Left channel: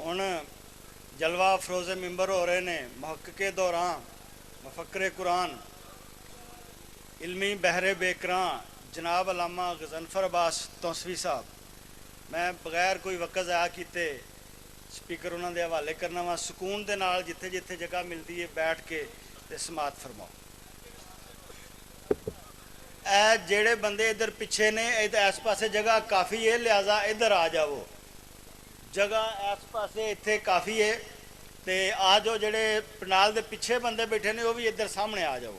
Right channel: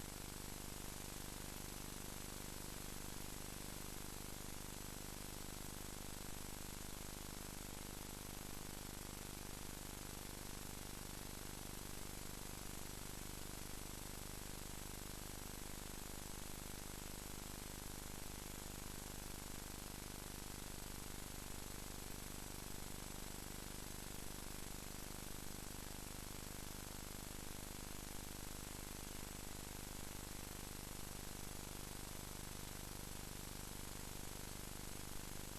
हुण जलवा अफरोज़े मिंबर हो रहे ने मुहक्किक़े दौरान मुफक्किरे कुरान इल्मी बहरे बेकरां जनाब अलामा गज़नफ़र अब्बास तौसवी साहब। मैं बगैर कोई वक्त ज़ाया किते स्पीकर उन्होंने हवाले करना वा। सुकून के नाल जिथे जिथे जगह मिलती है बैठ के ते समात फरमाओ। ए जेड़े बंदे इधर पिछे ने इस पासे जगह काफ़ी है, लिहाजा इधर आ जाओ। जगह इस पासे इत्थे काफ़ी है तो आ जाओ। जेड़े पंडाल के पिछे बंदे बैठे ने वो भी इधर सामने आ जाओ।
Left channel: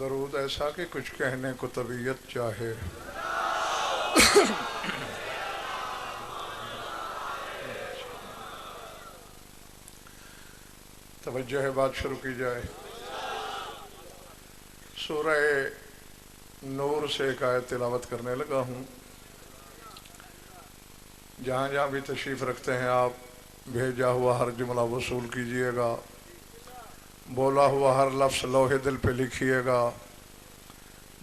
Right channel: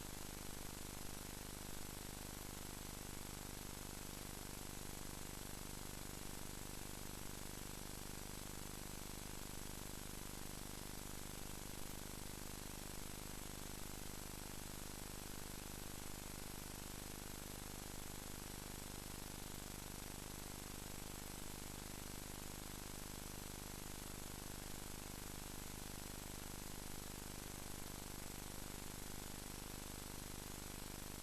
दरूद ऐसा कि कुछ कहने को तबीयत चाहे। तवज्जो है, बात शुरू की जाए। सूरह नूर से एक आयत तिलावत करने लगा हूँ। जहाँ जहाँ भी तशरीफ़ रखते हैं आप भेजा हुआ हर जुमला वसूल कीजिएगा, बोला हुआ हर लफ्ज़ लोहे दिल पे लिखिएगा।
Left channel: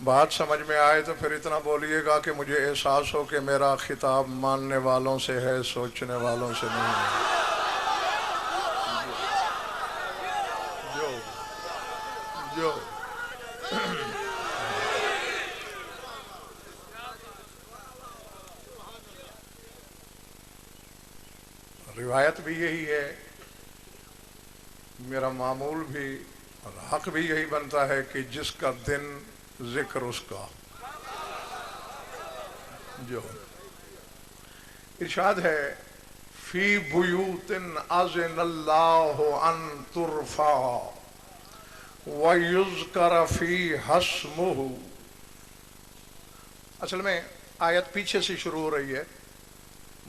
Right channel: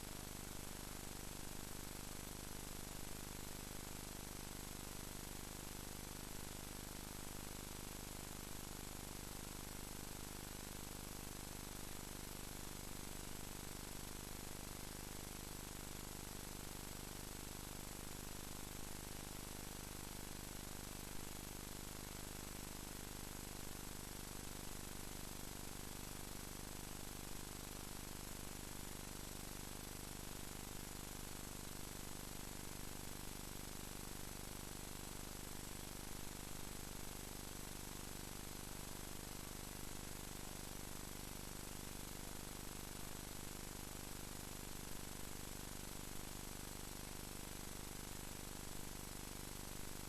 बात समझ में आए तो फिर इतना बोलिएगा कि मुझे एहसास हो कि मेरा खिताब मानने वालों से है, सोचने वालों से नहीं है। जो जो रिवायत भी यही है, मेरा मामूल भी और हक भी यही बनता है कि जिसका दिन जिक्र उसका। जो इरशाद है फी बुयूतिन अज़नल्लाहु अन तुरफा व युज़कर फी हस्मुहु। असल में आयत पीछे से शुरू हो रही है,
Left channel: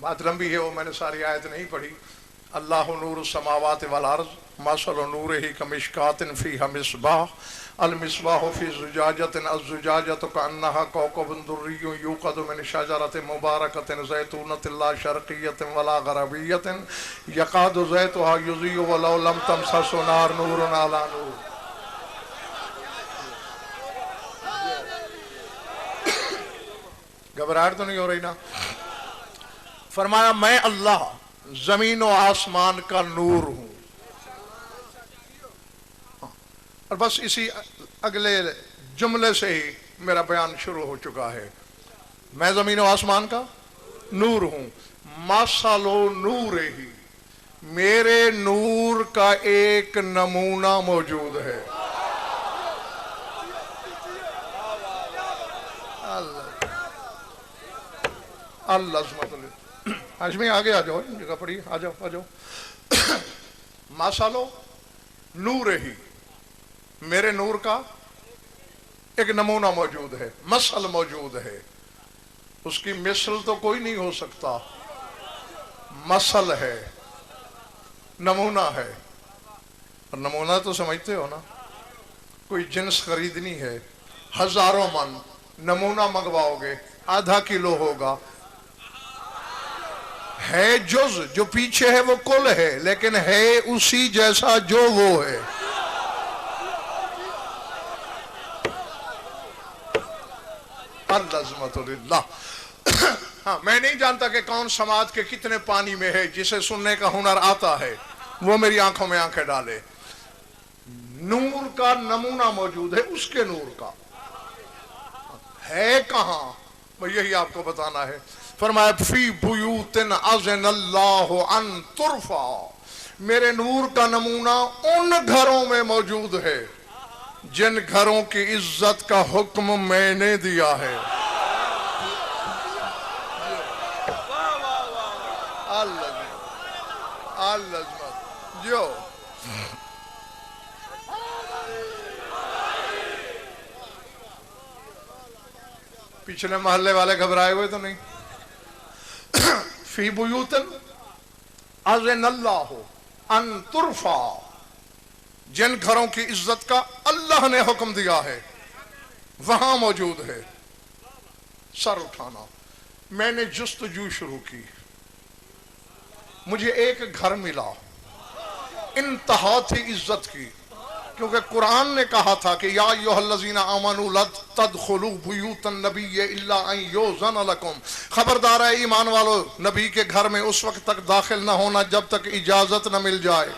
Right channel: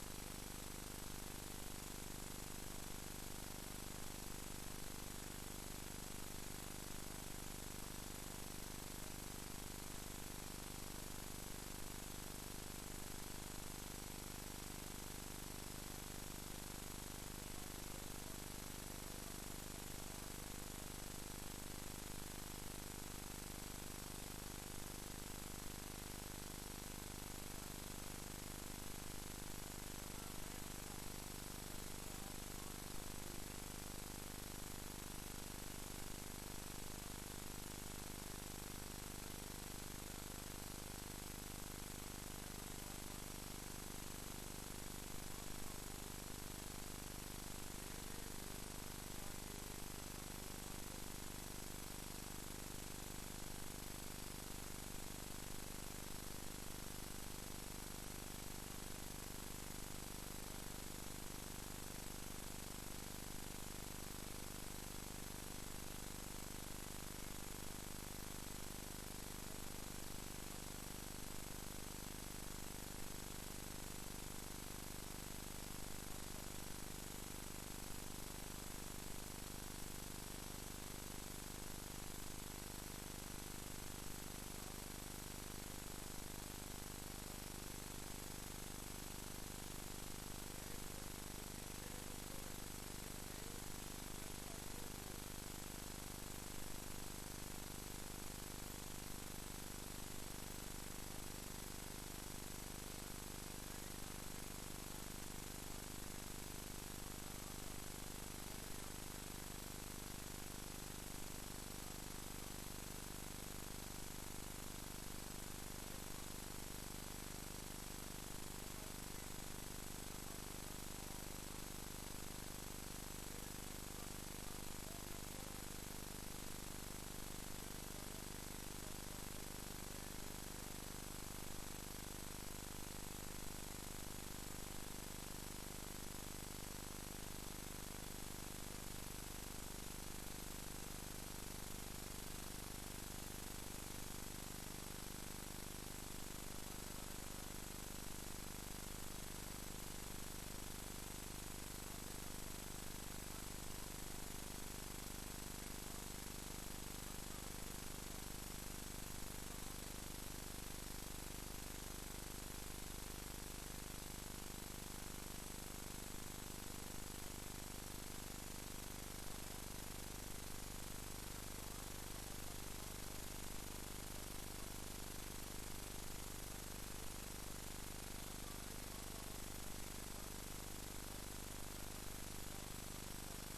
बात लंबी है, वो मैंने सारी आयत नहीं पढ़ी। अल्लाहु नूरु समावाति वल अर्ज़ मसलु नूरिही कमिशकातिन फीहा मिस्बाह अल मिस्बाहु फी ज़ुजाजतिन अज़्ज़ुजाजतु कअन्नहा कौकबुन दुर्रियुन यूक़दु मिन शजरतिन मुबारकतिन ज़ैतूनतिन ला शर्क़िय्यतिन वला ग़रबिय्यतिन यकादु ज़ैतुहा युज़ीअु वलौ लम तमससहु नार नूरुन अला नूर। घबराहट तो नहीं हो रही ना? फरमाया मैं अल्लाह जमीन और आसमान का नूर हूं। और बस इसी अगले जुमले से ही मेरा बयान शुरू हो चुका है। मैं जमीन और आसमान का नूर हूं। मसलो नूर ही, मेरे नूर का एक नमूना मौजूद है। अल्लाह हाशमी आगे आ जाओ, जगह पड़ी, आ जाओ आ जाओ। मासालो नूर ही, मेरे नूर का एक नमूना मौजूद है, मसल मौजूद है। उसकी मिसल तो कोई नहीं हो सकता, मसल है, नमूना है। और नमूना तो समझते हो ना, कोई जिन्स खरीदनी है, हजारों मन नमूना मंगवाओगे, आधा किलो होगा। है जुज, जो पीछे है वो कुल है, लेकिन है उसी जैसा जो वो है। अल्लाह। हाँ, मैं नहीं जानता कि कौन समाज के कितने पानी में है, जिसे सुनने का हुनर आता है वो मेरी आंखों में आंखें डाले। नूर का नमूना मौजूद है, उसके नूर का है कहां, यही आपको बताना है। फरमाया फी बुयूतिन अज़नल्लाहु अन तुरफा, मेरे नूर का नमूना उन घरों में मौजूद है जिन घरों की इज्जत का हुक्म मैंने दिया है। जो पिछले मोहल्ले वाले घबराए हुए तो नहीं। फी बुयूतिन अज़नल्लाहु अन तुरफा, जिन घरों की इज्जत का अल्लाह ने हुक्म दिया है वहां मौजूद है। सर उठाना, मैंने जुस्तजू शुरू की, मुझे एक घर मिला, इंतहा थी इज्जत की, क्योंकि कुरान ने कहा था कि या अय्युहल्लज़ीना आमनू ला तदखुलू बुयूतन नबिय्य इल्ला अन युज़न लकुम, खबरदार है ईमान वालो, नबी के घर में उस वक्त तक दाखिल न होना जब तक इजाजत न मिल जाए।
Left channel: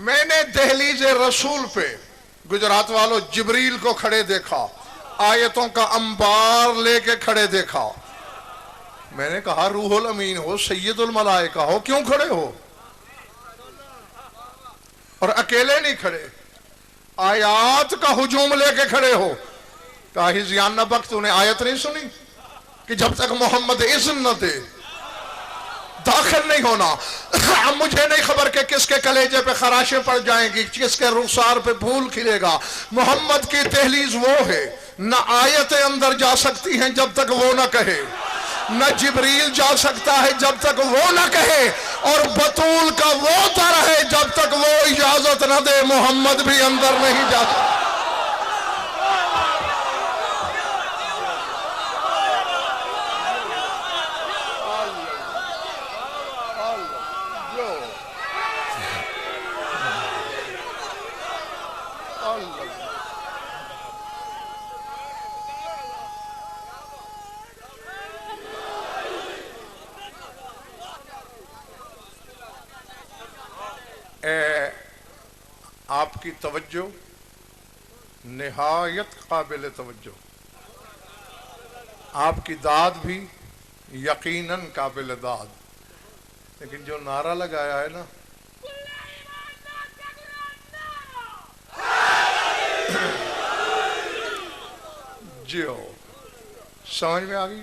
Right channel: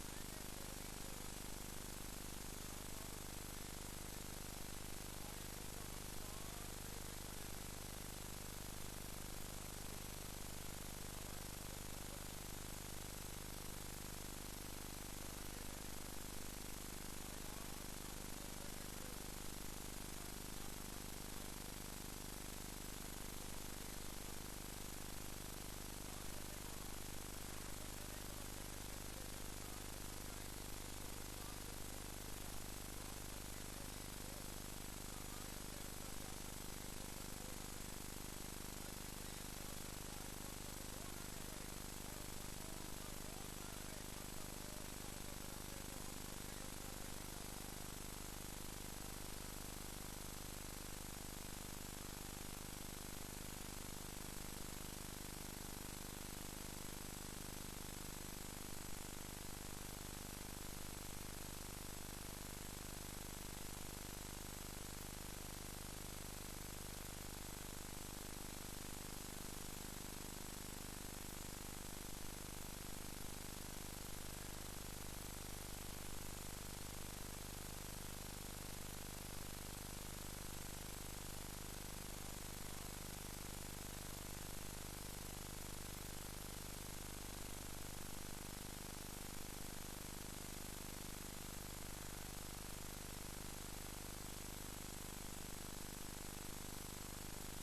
मैंने दहलीज रसूल पे गुजरात वालों जिब्रील को खड़े देखा, आयतों का अंबार लेके खड़े देखा। मैंने कहा रूहुल अमीन हो, सैयदुल मलाइका हो, क्यों खड़े हो? और अकेले नहीं खड़े, आयात का हुजूम लेके खड़े हो। कहा हिज़ियान नबक, तूने आयत नहीं सुनी कि जब तक मोहम्मद इज़्न न दे दाखिल नहीं होना। अब मुझे नहीं खबर कि किसके कलेजे पे खराशें पड़ जाएंगी, किसके रुखसार पे फूल खिलेगा। मोहम्मद की तहलीज वो है, न आयतें अंदर जा सकती हैं जब तक वो ना कहे, न जिब्रील जा सकता है जब तक वो ना कहे, और बतूल का वो दर है जब तक वो इजाजत न दे मोहम्मद भी अंदर नहीं जा सकता। आपकी तवज्जो निहायत काबिल तवज्जो, आपकी दाद भी यकीनन काबिल दाद, लेकिन जो नारा लगाया है ना, जो समझ में आ गई?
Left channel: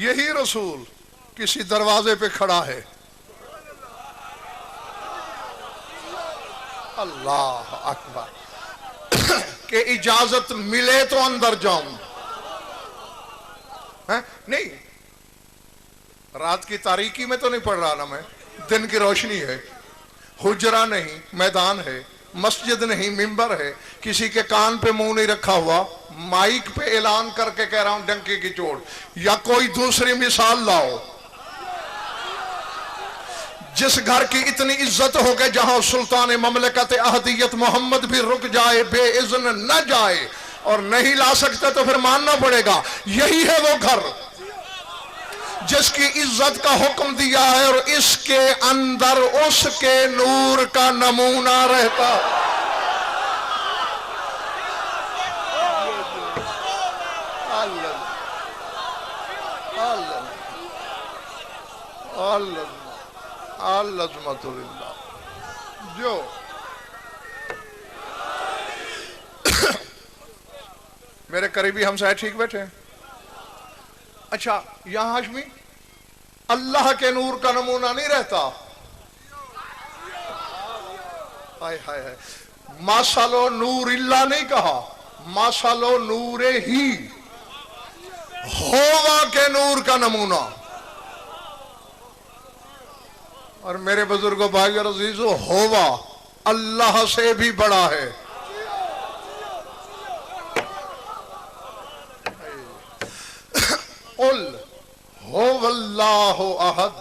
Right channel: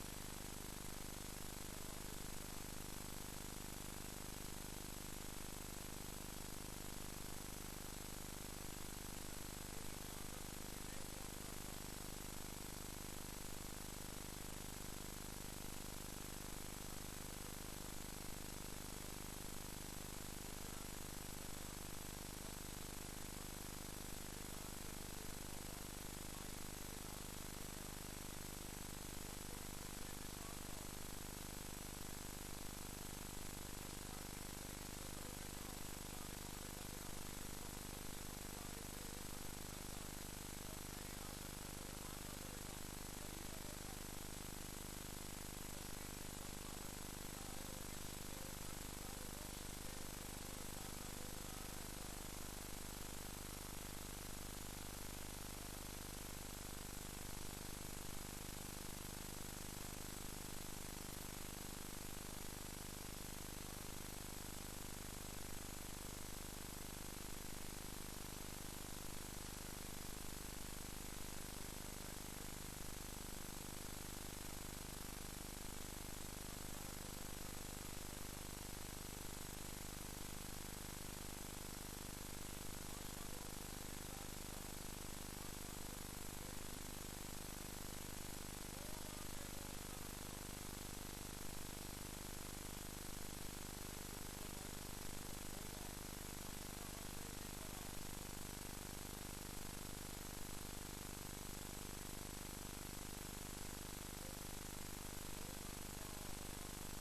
यही रसूल किसी दरवाजे पे खड़ा है, अल्लाह अकबर, के इजाजत मिले तो अंदर जाऊं। है नहीं, रात की तारीकी में तो नहीं पढ़ रहा ना मैं, दिन की रोशनी है, हुजरा नहीं मैदान है, मस्जिद नहीं मिंबर है, किसी के कान पे मुंह नहीं रखा हुआ, माइक पे ऐलान करके कह रहा हूं डंके की चोट। या कोई दूसरी मिसाल लाओ जिस घर की इतनी इज्जत हो गई जहां सुल्तान ममलकत अहदियत मोहम्मद भी रुक जाए, बेइज़्न न जाए, और नहीं ला सकते तो फिर मानना पड़ेगा। यही है वो घर जिसकी इज्जत का हुक्म दिया है और इसके अंदर उसके नूर का नमूना रहता। जो मेरे करीबी हमसाए ठीक बैठे हैं। अच्छा, यहां हाशमी अल्लाह के नूर का नमूना नहीं रहता? हाय हाय हाय, माशालो नूर इल्ला नहीं कहा, माशालो नूरे ही, होवा के नूर का नमूना। और मेरे बुजुर्गों भाई और अजीजों, होवा अल्लाह से भी बड़ा है। उल होवल्लाहु अहद,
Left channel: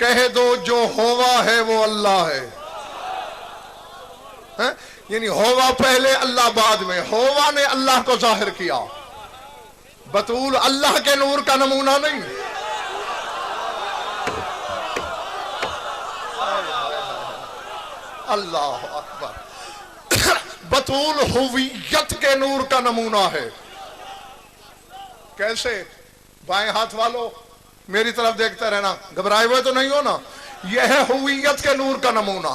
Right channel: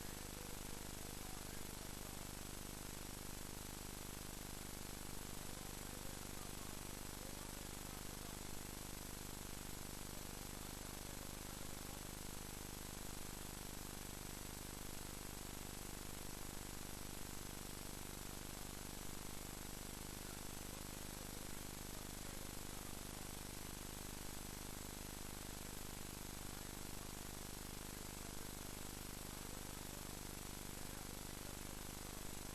कह दो जो होवा है वो अल्लाह है। यानी होवा पहले अल्लाह बाद में, होवा ने अल्लाह को जाहिर किया, बतूल अल्लाह के नूर का नमूना नहीं। अल्लाह अकबर। बतूल हुवियत के नूर का नमूना है। कैसे? बाएं हाथ वालों मेरी तरफ देखते रहना, घबराए हुए तो नहीं हो ना। यह है हुवियत के नूर का नमूना।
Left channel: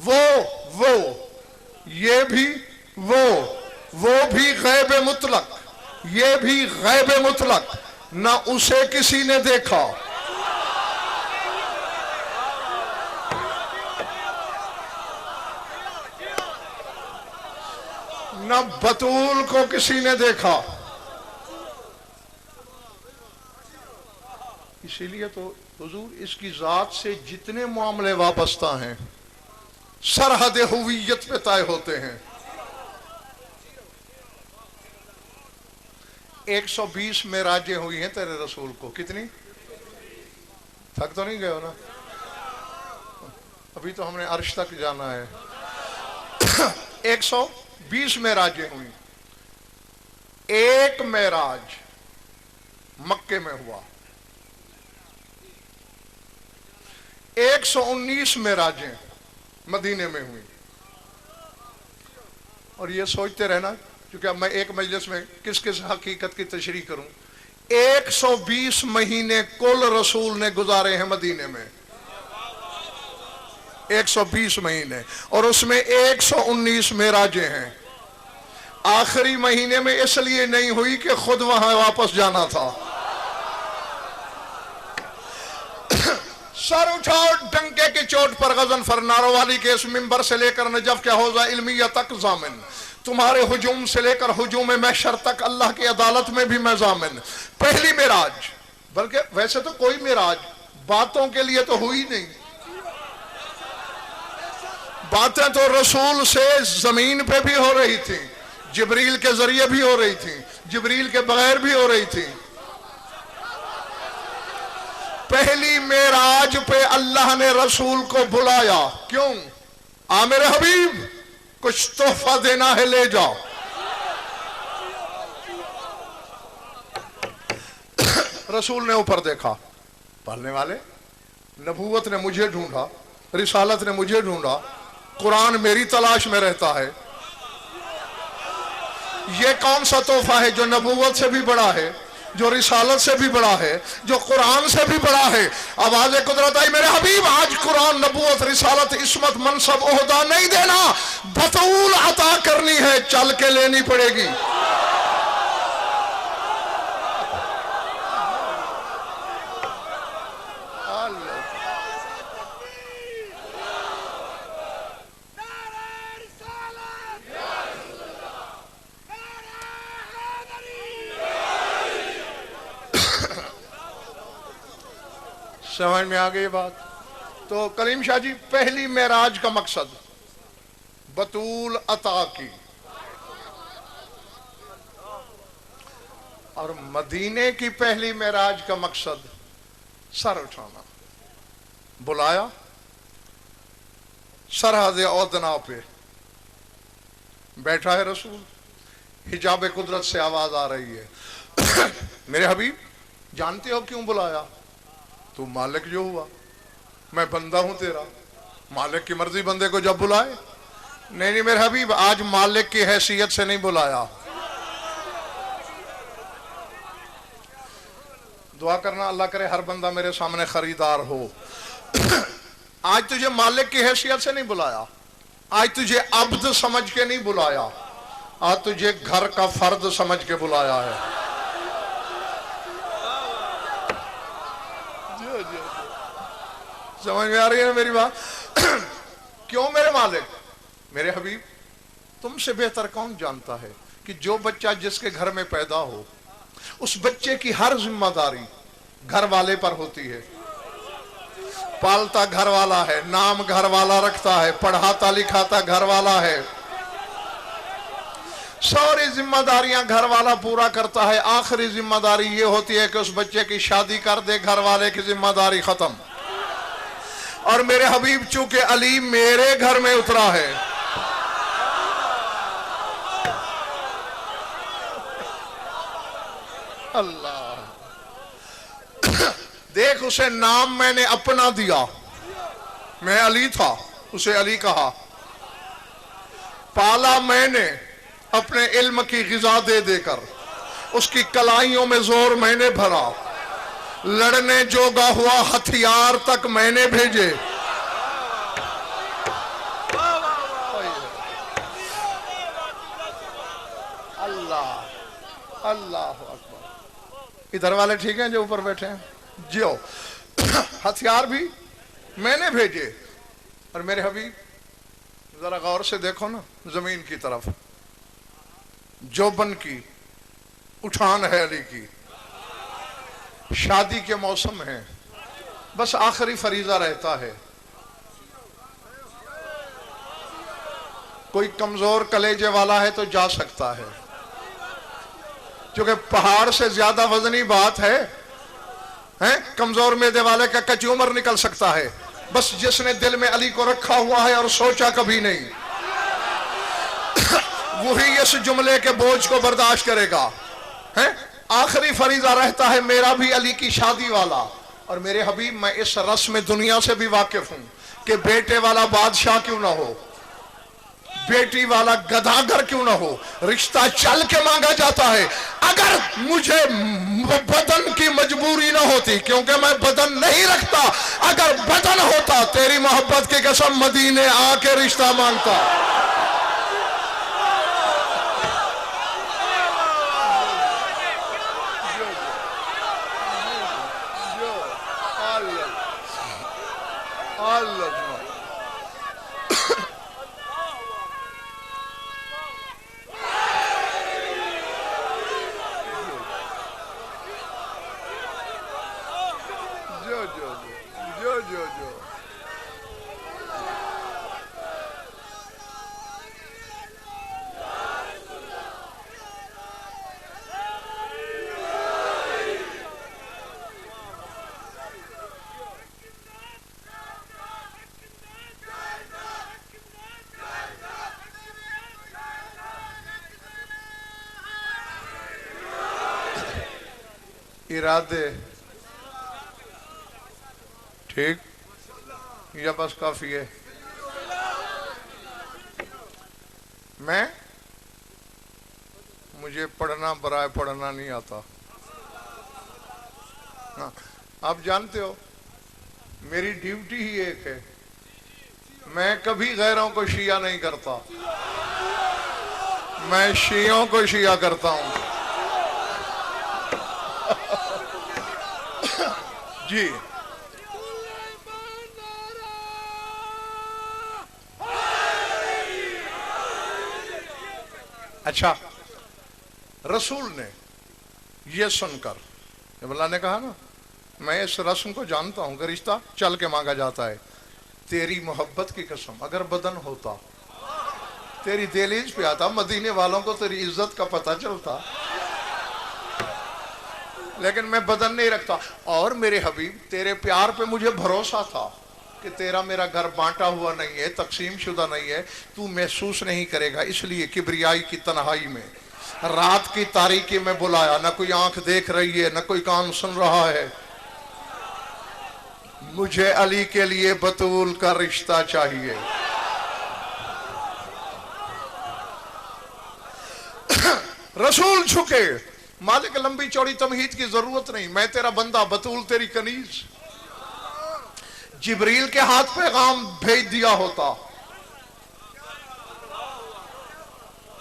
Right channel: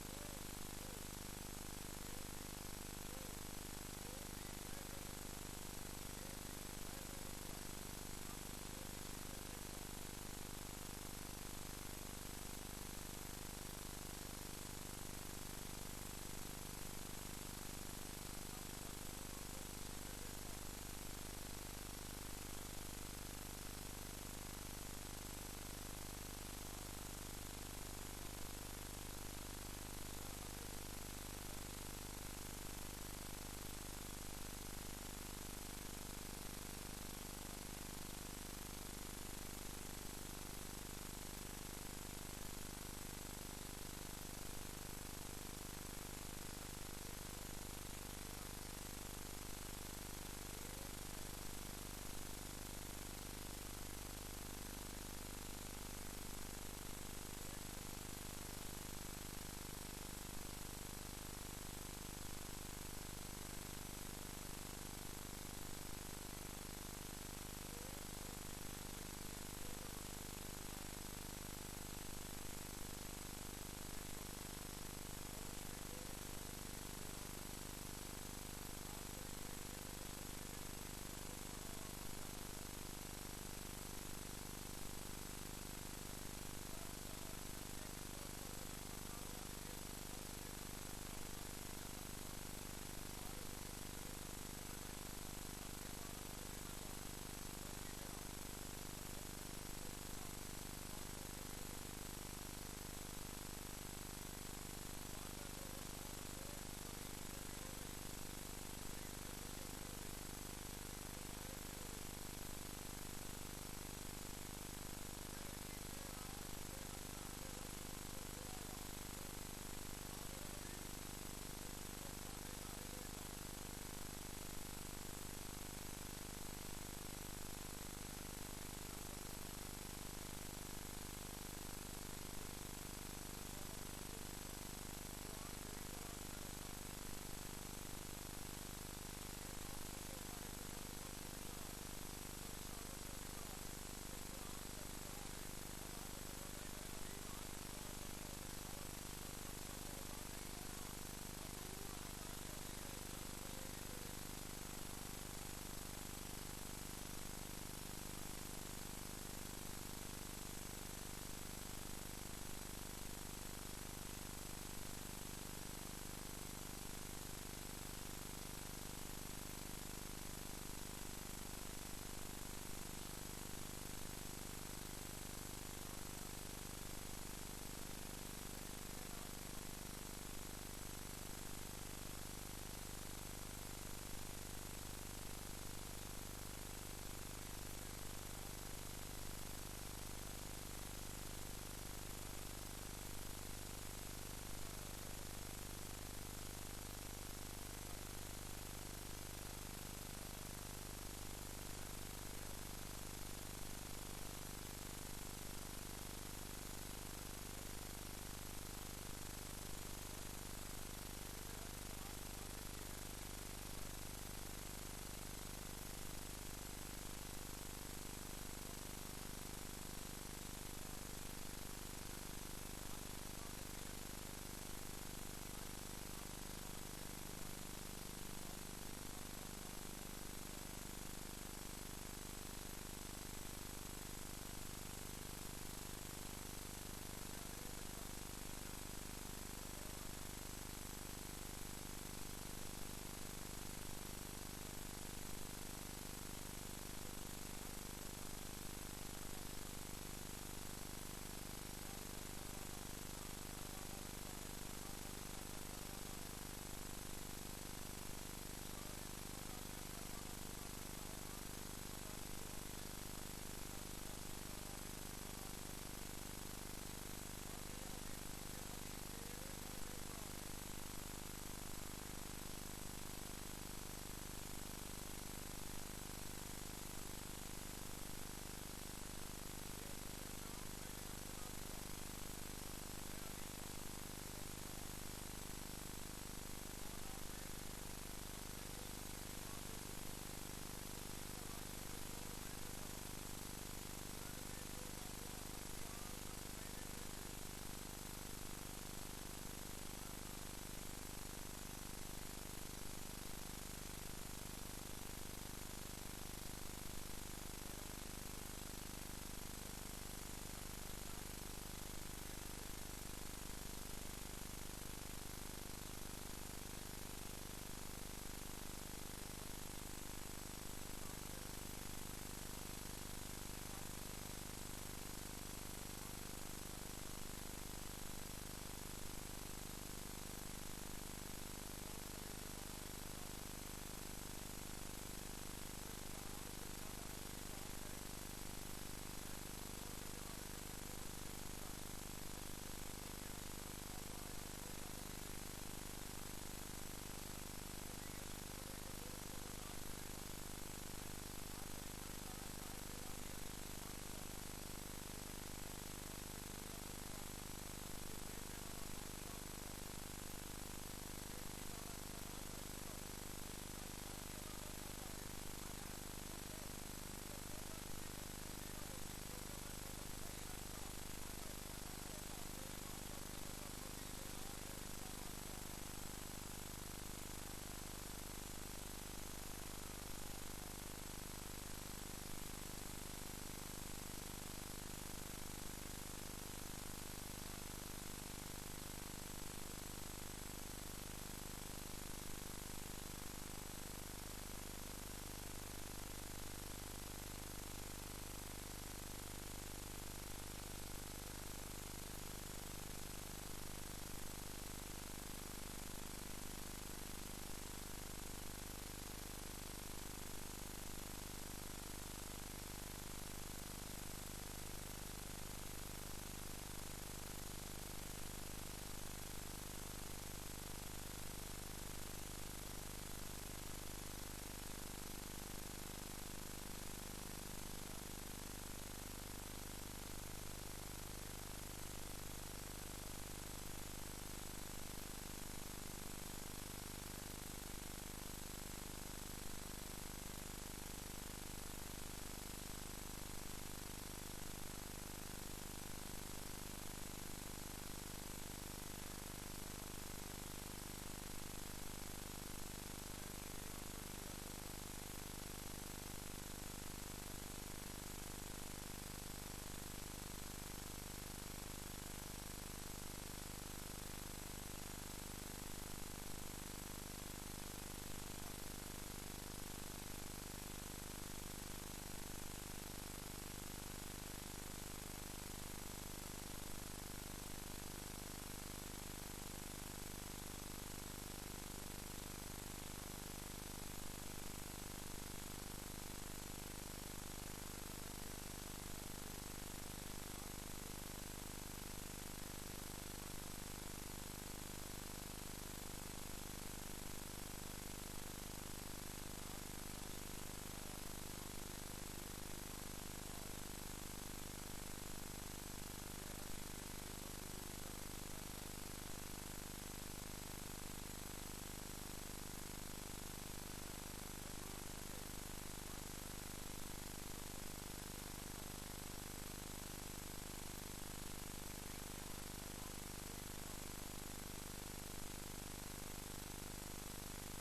वो ये भी वो भी गैब मुतलक, ये भी गैब मुतलक, ना उसे किसी ने देखा, न बतूल को किसी ने देखा। इसीलिए तो हुजूर इसकी जात से जितने मामले वाबस्ता हैं सरहद हुवियत पे तय होते हैं। 120 मेराजें हुई हैं तेरे रसूल को। कितनी? थक तो नहीं गए हो ना? अभी तो हमने अर्श तक जाना है। 120 मेराजें हुई। एक मेराज मक्के में हुआ। 119 मेराजें मदीने में हुई। और ये सोचते रहना, क्योंकि अब मैं एक मजलिस में किस किस हकीकत की तशरीह करूं। 120 महीने कुल रसूल ने गुजारे हैं मदीने में, 120 महीने, और उसमें 119 मेराजें हैं। आखिरी महीने में इसलिए नहीं हुई कि खुद वहां वापस जाना था। सर उठाओ डंके की चोट पर गजनफर नारोवाली के इस मिंबर से लेकर नजफ के हौजा इल्मिया तक जामिन, तुम्हारे हुजूम से लेकर हुजूम महशर तक अल्लाह की अदालत में भी मैं जामिन। पहली मेराज, बल्कि वैसे तो कोई मेराज बातों के लिए तो हुई नहीं, बातें तो रसूल से जमीन पे भी हो रही थी, जिब्रील के जरिए भी हो रही थी, जिब्रील के बगैर भी हो रही थी। पहली मेराज पे अल्लाह ने रसूल को बुलाया। क्यों? आ मेरे हबीब, कुछ तोहफा देना है, ले जाओ। रसूल ने ऊपर देखा, पढ़ने वाले, नबूवत ने मुझे ढूंढा, रिसालत ने मुझे ढूंढा, कुरान मेरी तलाश में रहता है। ये कौन सा तोहफा है जो नबूवत से भी बड़ा है, जो रिसालत से भी बड़ा है, जो कुरान से भी बड़ा है? आवाज कुदरत आई, मेरे हबीब आज कुरान, नबूवत, रिसालत, इस्मत, मनसब, ओहदा नहीं देना, बतूल अता करनी है, चल के लेनी पड़ेगी। समझ में आ गई बात? तो कलीम शाह जी, पहली मेराज का मकसद बतूल अता की, और मदीने की पहली मेराज का मकसद सर उठाना। बुलाया, सरहद औदना पे बैठा है रसूल, हिजाब कुदरत से आवाज आ रही है, मेरे हबीब जानते हो क्यों बुलाया? तू मालिक जो हुआ, मैं बंदा हूं तेरा, मालिक की मर्जी बंदे को जब बुलाए। नहीं नहीं मेरे हबीब, आज मालिक की हैसियत से नहीं बुलाया। दुआ करना अल्लाह करे हर बंदा मेरे सामने खरीदार हो। आज तुझे मालिक की हैसियत से नहीं बुलाया, आज तुझे अब्द समझ के नहीं बुलाया, आज तुझे घर का फर्द समझ के बुलाया है। समझ में आ रही है मेरी बात? क्यों मेरे मालिक? मेरे हबीब, तुमसे बेहतर कौन जानता है कि जो बच्चा जिसके घर में पैदा हो, उस बच्चे की हर जिम्मेदारी घर वाले पर होती है। पालता घर वाला है, नाम घर वाला रखता है, पढ़ाता लिखाता घर वाला है, सारी जिम्मेदारियां घर वाला पूरा करता है। आखिरी जिम्मेदारी ये होती है कि उस बच्चे की शादी कर दे, घर वाले की जिम्मेदारी खत्म। और मेरे हबीब चूंकि अली मेरे घर में उतरा है, अल्लाह देख, उसे नाम मैंने अपना दिया, मैं अली था, उसे अली कहा। पाला मैंने अपने इल्म की गिजा दे देकर, उसकी कलाइयों में जोर मैंने भरा, लड़ने जोगा हुआ हथियार तक मैंने भेजे। अल्लाह अल्लाह अकबर। इधर वाले ठीक हैं जो ऊपर बैठे हैं? जो हथियार भी मैंने भेजे। और मेरे हबीब जरा गौर से देखो ना जमीन की तरफ, जोबन की उठान है अली की, शादी के मौसम है, बस आखिरी फरीजा रहता है। कोई कमजोर कलेजे वाला है तो जा सकता है, क्योंकि पहाड़ से ज्यादा वजनी बात है, कमजोर मैदे वाले का कच्ची उम्र निकल सकता है। बस जिसने दिल में अली को रखा हुआ है और सोचा कभी नहीं, वही इस जुमले के बोझ को बर्दाश्त करेगा। आखिरी फरीजा रहता है मेरा भी अली की शादी वाला। और मेरे हबीब, मैं इस रस्म दुनिया से भी वाकिफ हूं कि बेटे वाला बादशाह क्यों ना हो, बेटी वाला गधागर क्यों ना हो, रिश्ता चल के मांगा जाता है। अगर मुझे बदन की मजबूरी ना होती, क्योंकि मैं बदन नहीं रखता, अगर बदन होता तेरी मोहब्बत की कसम मदीने आके रिश्ता मांगता। इरादे ठीक या बस काफी है? मुझे पढ़ना बराए पढ़ना नहीं आता। आप जानते हो मेरी ड्यूटी ही एक है, मैं कभी गैरों को शिया नहीं करता, मैं शियों को शिया करता हूं। जी अच्छा, रसूल ने ये सुनकर, जब अल्लाह ने कहा ना मैं इस रस्म को जानता हूं कि रिश्ता चल के मांगा जाता है, तेरी मोहब्बत की कसम अगर बदन होता, तेरी दहलीज पे आता, मदीने वालों को तेरी इज्जत का पता चलता, लेकिन मैं बदन नहीं रखता। और मेरे हबीब, तेरे प्यार पे मुझे भरोसा था कि तेरा मेरा घर बांटा हुआ नहीं है, तकसीम शुदा नहीं है, तू महसूस नहीं करेगा, इसलिए किबरियाई की तन्हाई में रात की तारीकी में बुलाया। न कोई आंख देख रही है, न कोई कान सुन रहा है, मुझे अली के लिए बतूल का रिश्ता चाहिए। रसूल झुके, मालिक लंबी चौड़ी तमहीद की जरूरत नहीं, मैं तेरा बंदा, बतूल तेरी कनीज। जिब्रील के हाथ पैगाम भेज दिया होता,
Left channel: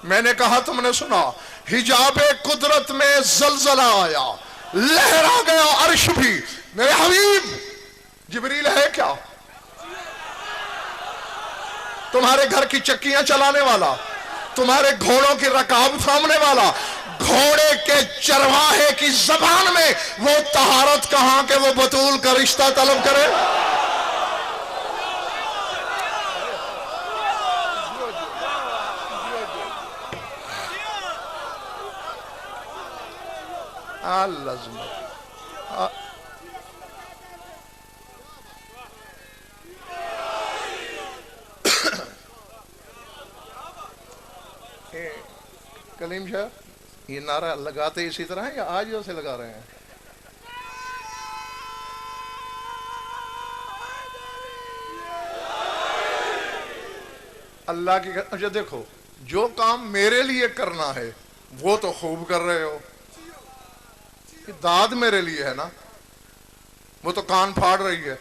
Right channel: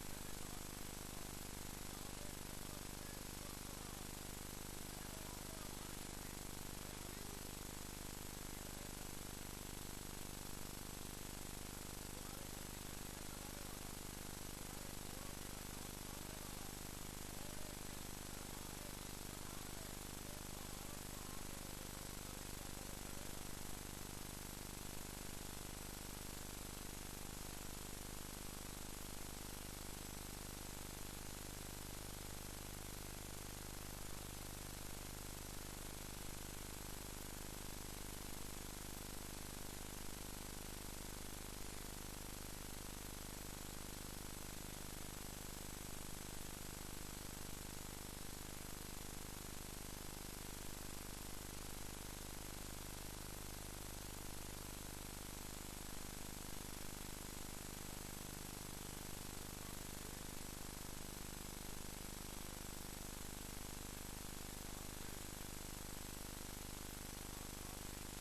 मैंने कहा तुमने सुना, हिजाबे कुदरत में जलजला आया, लहरा गया अर्श भी। मेरे हबीब, जिब्रील है क्या? तुम्हारे घर की चक्कियां चलाने वाला, तुम्हारे घोड़ों की रकाब थामने वाला, घोड़े के चरवाहे की जबान में वो तहारत कहां के वो बतूल का रिश्ता तलब करे? कलीम शाह, ये नारा लगाते इसी तरह है या आज से लगा रहे हैं? अल्लाह की अच्छा देखो, जो काम मेरे लिए करना है वो तो खूब कर रहे हो, कि दाद मेरे लिए है ना, वो तो कान फाड़ रही है,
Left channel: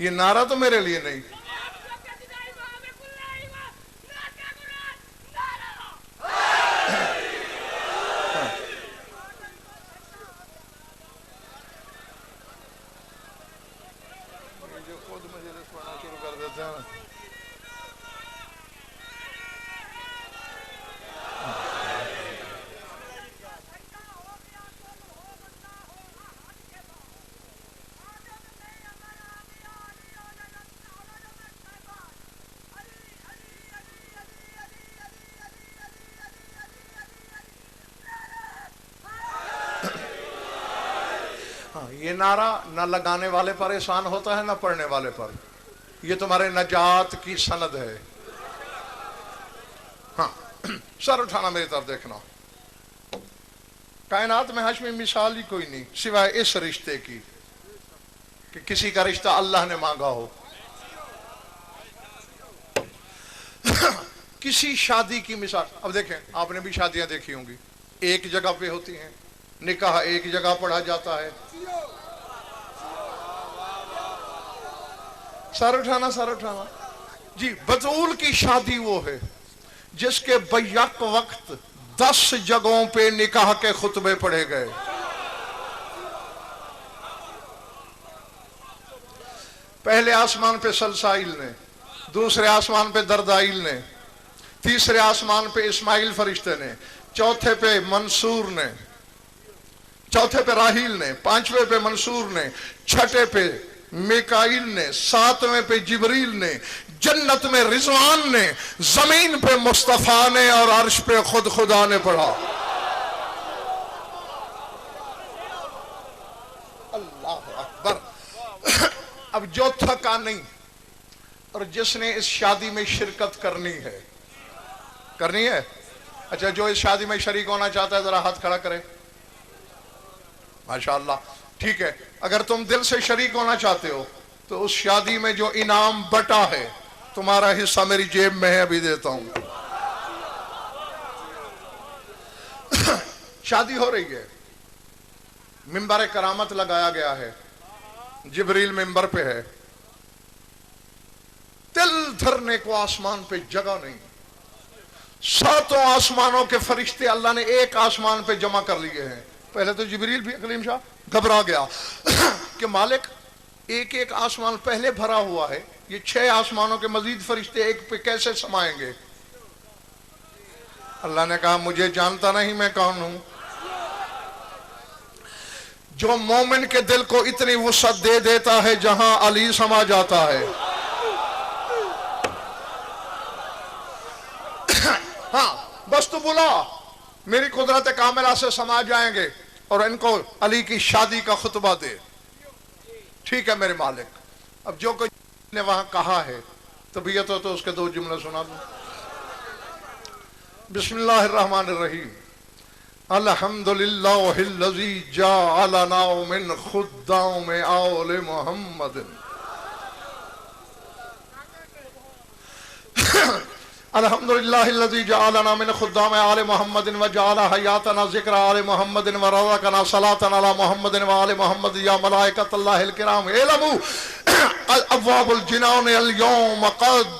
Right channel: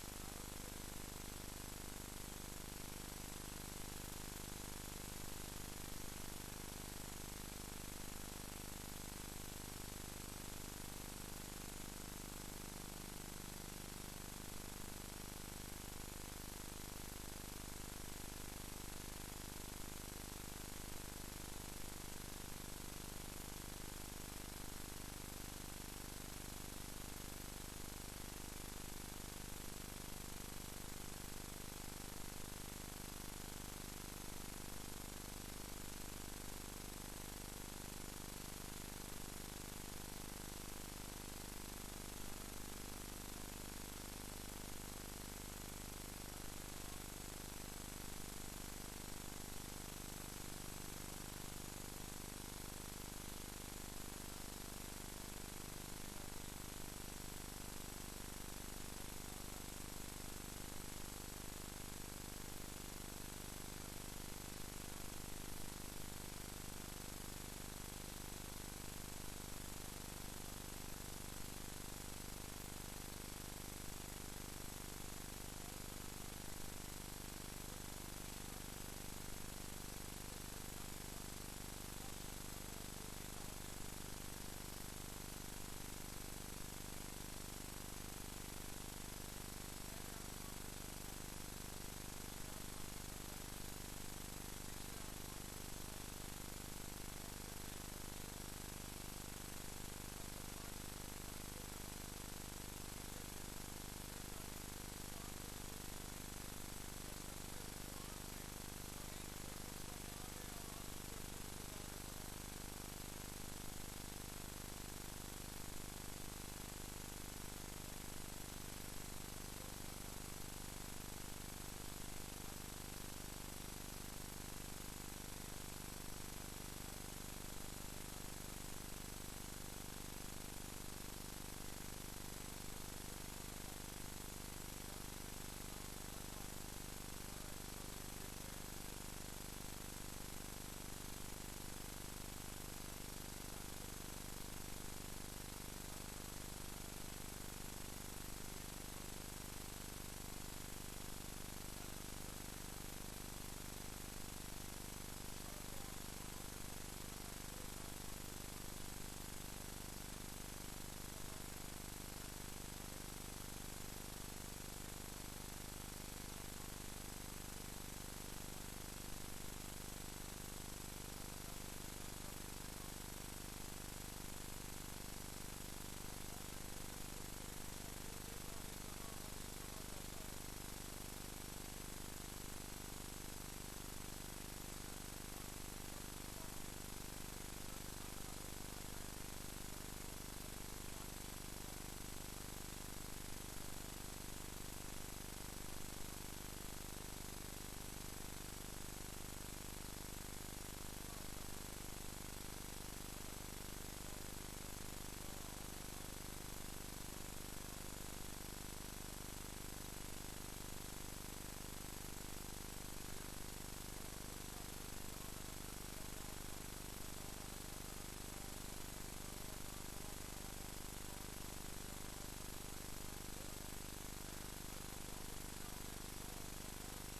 ये नारा तो मेरे लिए नहीं। जो खुद मजलिस पढ़ना शुरू कर देते हैं ना, ये नारा न लगाने वाले पर एहसान होता है, न पढ़ने वाले पर। ये तुम्हारे नजात की सनद है। हाँ, सर उठाना, मेरी तरफ देखना। कायनात में हाशमी मिसाल ही कोई नहीं सिवाय इस रिश्ते की कि किसी का रिश्ता अल्लाह ने मांगा हो। किसी शादी की मिसाल, अब देखें, आपने भी शादियां देखी होंगी, एक जगह पे होती हैं, निकाह एक जगह पढ़ा जाता है। सर उठाना, सर उठाना जी। बतूल की शादी वो है जिसके बैक वक्त 10 जगहों पे निकाह के खुतबे पढ़े गए। पहले आसमान पे सलसाइल ने, दूसरे आसमान पे दरदाइल ने, तीसरे आसमान पे इस्माइल फरिश्ते ने, चौथे पे मंसूर ने, चौथे पे राहील ने, पांचवें पे मंसूर ने, छठे पे मिकाइल ने, सातवें पे जिब्रील ने, जन्नत में रिजवान ने, जमीन पे मुस्तफा ने और अर्श पे खुद खुदा ने पढ़ा। अल्लाह अकबर। अब जो थका नहीं और जिसने इस शादी में शिरकत करनी है, करनी है, अच्छा, जो इस शादी में शरीक होना चाहता है जरा हाथ खड़ा करे। माशाअल्लाह, ठीक है। अगर तुम दिल से शरीक होना चाहते हो तो उस शादी में जो इनाम बटा है, तुम्हारा हिस्सा मेरी जेब में है, अभी देता हूं। शादी हो रही है, मिंबर करामत लगाया गया है, जिब्रील मिंबर पे है, तिल धरने को आसमान पे जगह नहीं। 7 आसमानों के फरिश्ते अल्लाह ने एक आसमान पे जमा कर लिए हैं। पहले तो जिब्रील भी कलीम शाह घबरा गया कि मालिक, एक एक आसमान पहले भरा हुआ है, ये 6 आसमानों के मजीद फरिश्ते एक पे कैसे समाएंगे? अल्लाह ने कहा, मुझे जानता नहीं मैं कौन हूं? जो मोमिन के दिल को इतनी वुसअत दे देता है जहां अली समा जाता है। हाँ, बस तू बुला, मेरी कुदरत कामिला से समा जाएंगे और इनको अली की शादी का खुतबा दे। ठीक है मेरे मालिक। अब जो कोई ने वहां कहा है तबीयत हो तो उसके 2 जुमले सुना दो। बिस्मिल्लाहिर्रहमानिर्रहीम। अल्हम्दुलिल्लाहिल्लज़ी जअलना मिन खुद्दाम आले मुहम्मद। अल्हम्दुलिल्लाहिल्लज़ी जअलना मिन खुद्दाम आले मुहम्मदिन व जअल हयातना ज़िक्र आले मुहम्मदिन व रज़क़ना सलातन अला मुहम्मदिन व आले मुहम्मद या मलाइकतल्लाहिल किराम इलमू अब्वाबुल जिनान अल यौम क़द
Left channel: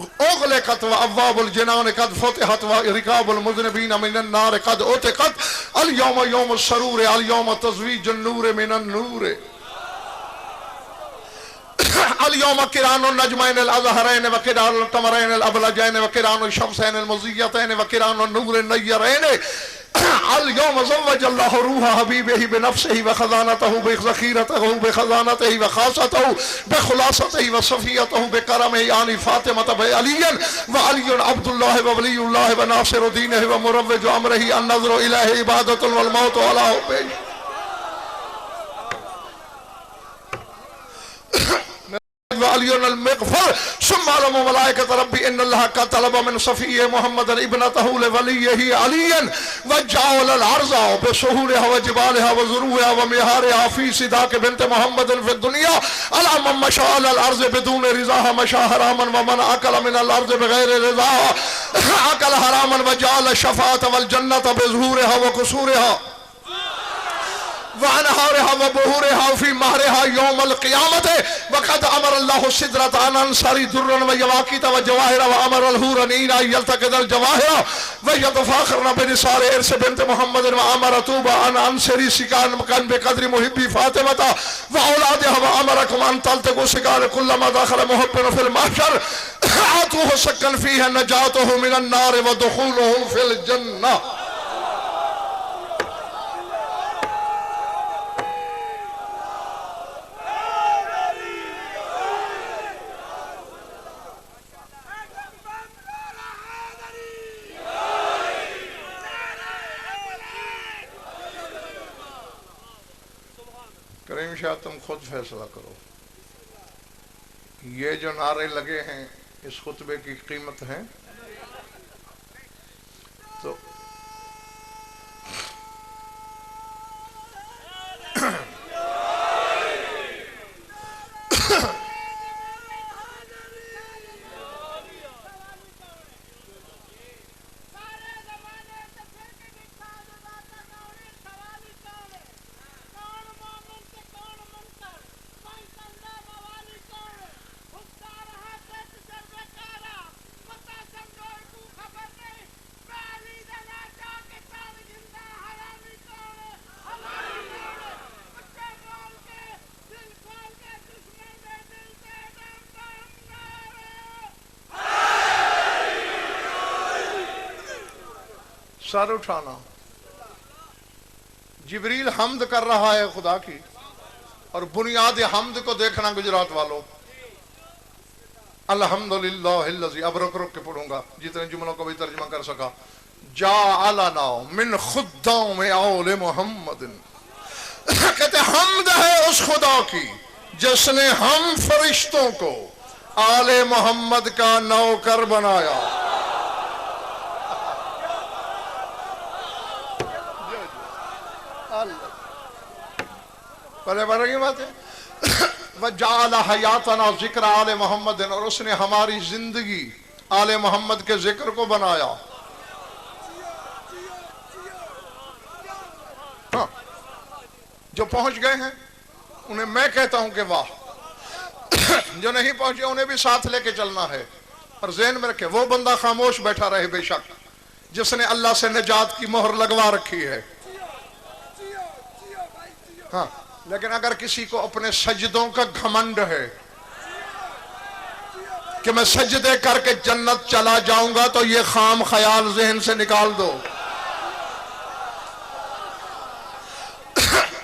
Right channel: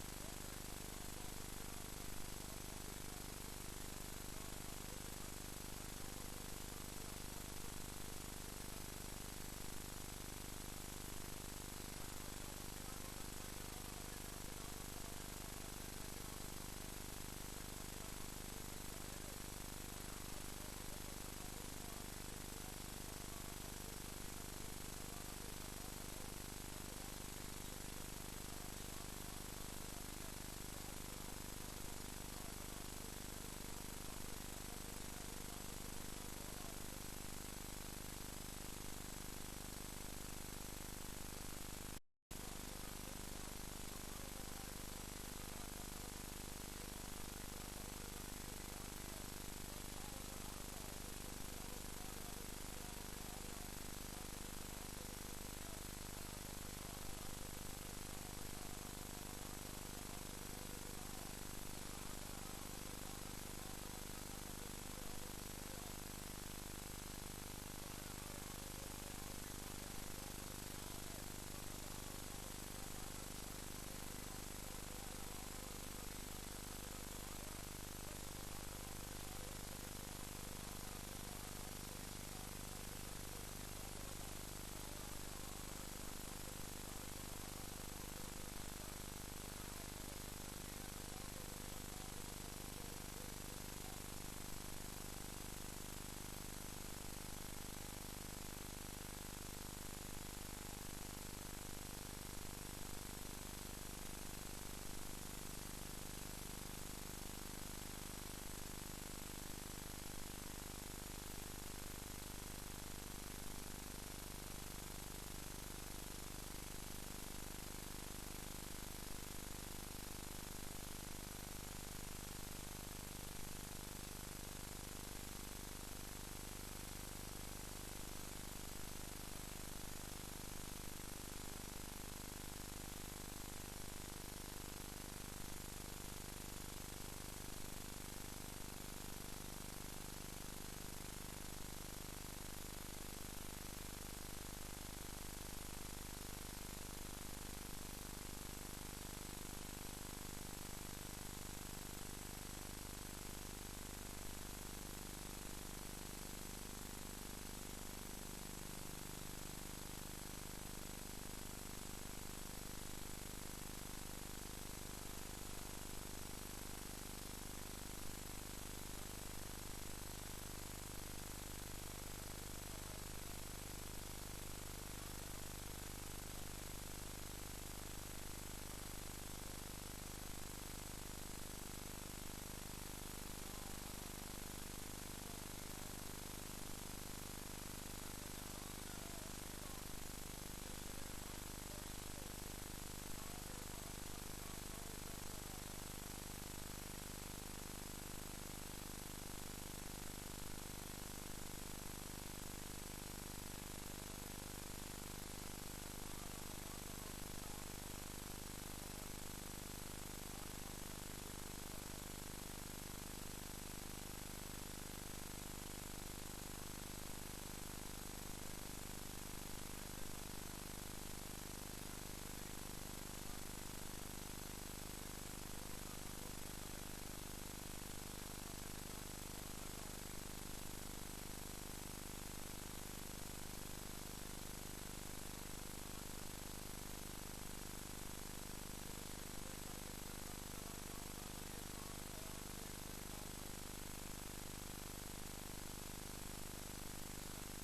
उग़लिक़त व अब्वाबुल जिनान क़द फ़ुतिहत व रिकाबुल मुज़निबीन मिनन नार क़द उतिक़त अल यौम यौमुस सरूर अल यौम तज़वीजुन नूर मिनन नूर अल यौम किरानुन नजमैन अल अज़हरैन व किरानुल क़मरैन अल अबलजैन व किरानुश शम्सैन अल मुज़ियतैन व किरानुन नूरिन नय्यरैन अल यौम ज़व्वजल्लाहु रूहा हबीबिही बिनफ्सिही व खज़ानतहु बिज़ख़ीरतिही व खज़ानतिही व ख़ासतहु बिख़ुलासतिही व सफ़ियतहु बिकरमिही यानी फ़ातिमत ब अलियन व अलियुन अब्दुल्लाह व वलियुल्लाह व नासिरुद्दीनिही व मुरव्विजु अमरिही अन नज़्रु इलैहि इबादतुन वल मौतु अला हुब्बिही। अलियुन अल मग़फ़र सुम्मा अलमु मलाइकत रब्बी इन्नल्लाह का तलब मिन सफ़ी मुहम्मद इब्नतहु लिवलिय्यिही अलियन व जाअल अल अर्ज़ा बिसुहूलिहा व जिबालिहा व ज़ुरूहा व मिहारिहा फी सिदाक बिन्त मुहम्मद फी दुनिया अला मन मशा अल अर्ज़ बिदून रिज़ाहा मशा हरामन व मन अकल मिन अल अर्ज़ बिग़ैर रिज़ाहा अकल हरामन व जाअल शफ़ाअत वल जन्नत बिज़ुहूरिहा व कुसूरिहा वअनहारिहा व बुहूरिहा फी महरिहा यौमल क़ियामत वक़द अमर अल्लाहु सिदरत अन अंसारी दुर्रन व यवाक़ीत व जवाहिर व अमर अल हुरनीन यल्तक़िदल जवाहिर व यतफ़ाख़रन बिनिसार इर्स बिन्त मुहम्मद व अमर तूबा अन अंसारी सिकान मकान बिक़द्रि मुहिब्बी फ़ातिमता व औलादिहा व अमरकुम अन तल्तक़ू सिकार कुल्लमा दख़ल मुहिब्बुन फ़िल महशर आतूहु सक्कन फ़ीहा नजातुहु मिनन नार व दुख़ूलुहु फ़िल जन्नह। करीम शाह तुम खुद फैसला करो, ये जो नारे लगे हैं इस खुतबे की कीमत है? तो सर उठाना, जिब्रील हम्द कर रहा है खुदा की, और बुनियाद हम्द को देखना गुजरात वालों। अल्हम्दुलिल्लाहिल्लज़ी, अब रुक रुक के पढ़ूंगा जितने जुमलों को भी तर्जुमा कर सका। जाअलना मिन खुद्दाम औले मोहम्मदिन, कहते हम्द है उस खुदा की जिसने हम फरिश्तों को आले मोहम्मद का नौकर बनाया। पहले बढ़ रही बात है। वजाल हयातना जिक्र आले मोहम्मद, और उसने हमारी जिंदगी आले मोहम्मद के जिक्र को बनाया। हाँ, जो पहुंच गए हैं उन्हें मैं कहता हूं कि वाह, जो नहीं पहुंचे उन्हें भी साथ लेके चलना है। और ज़हन में रखे, वो बंदा खामोश बैठा रहे बेशक जिसने अल्लाह से निजात की मोहर लगवा रखी है। हाँ, लेकिन अगर किसी को अपने सजदों का घमंड है कि मैं सजदे करके जन्नत चला जाऊंगा, तो ये खाम ख्याल ज़हन से निकाल दो।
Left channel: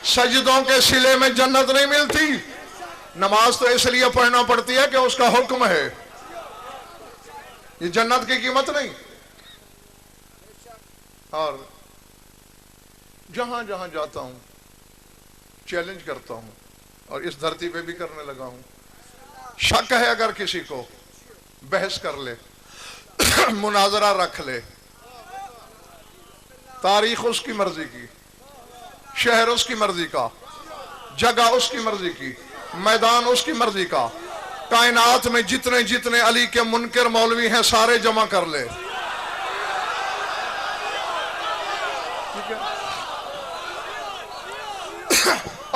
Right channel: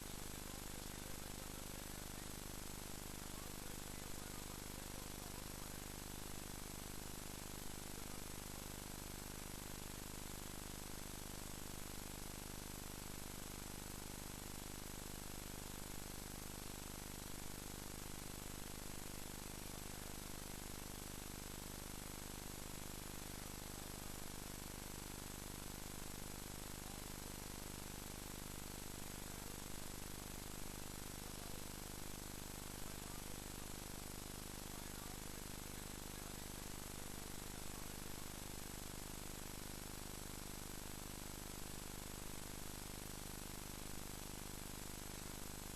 सजदों के सिले में जन्नत नहीं मिलती। नमाज तो इसलिए पढ़ना पड़ती है कि उसका हुक्म है, ये जन्नत की कीमत नहीं। और जहां जहां जाता हूं चैलेंज करता हूं, और इस धरती पे भी करने लगा हूं। शक है अगर किसी को, बहस कर ले, मुनाजरा रख ले, तारीख उसकी मर्जी की, शहर उसकी मर्जी का, जगह उसकी मर्जी की, मैदान उसकी मर्जी का, कायनात में जितने जितने अली के मुनकर मौलवी हैं सारे जमा कर ले।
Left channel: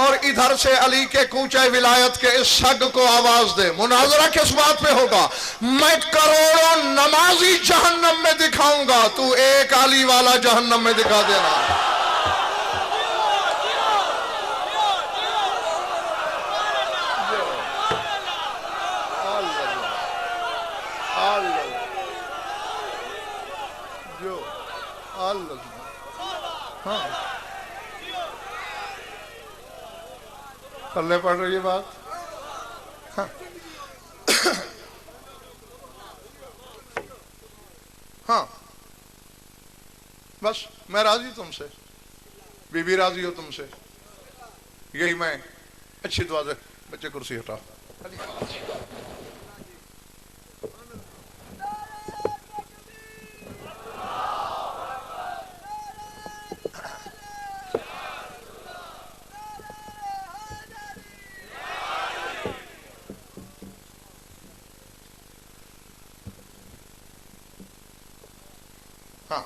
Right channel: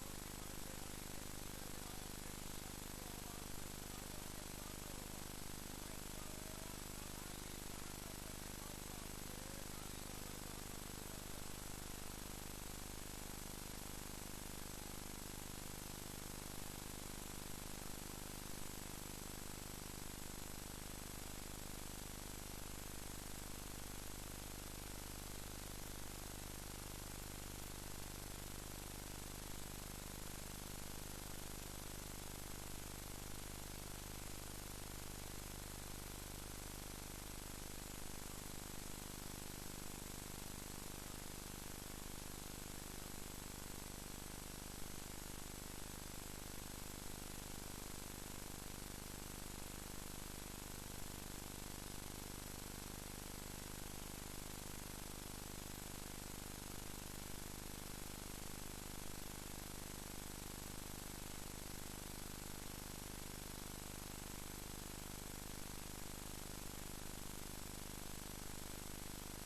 और इधर से अली के कूचे विलायत के इस सग को आवाज दे। मुनाजरा किस बात पे होगा? मैं करोड़ों नमाजी जहन्नम में दिखाऊंगा, तू एक अली वाला जहन्नम में दिखा देना। पल्ले पड़ रही है बात। हाँ। हाँ, बस मैं राजी तुमसे, बीबी राजी हो तुमसे, यही मैं। अच्छी दुआ दे, बच्चे कुर्सी हटा। हाँ,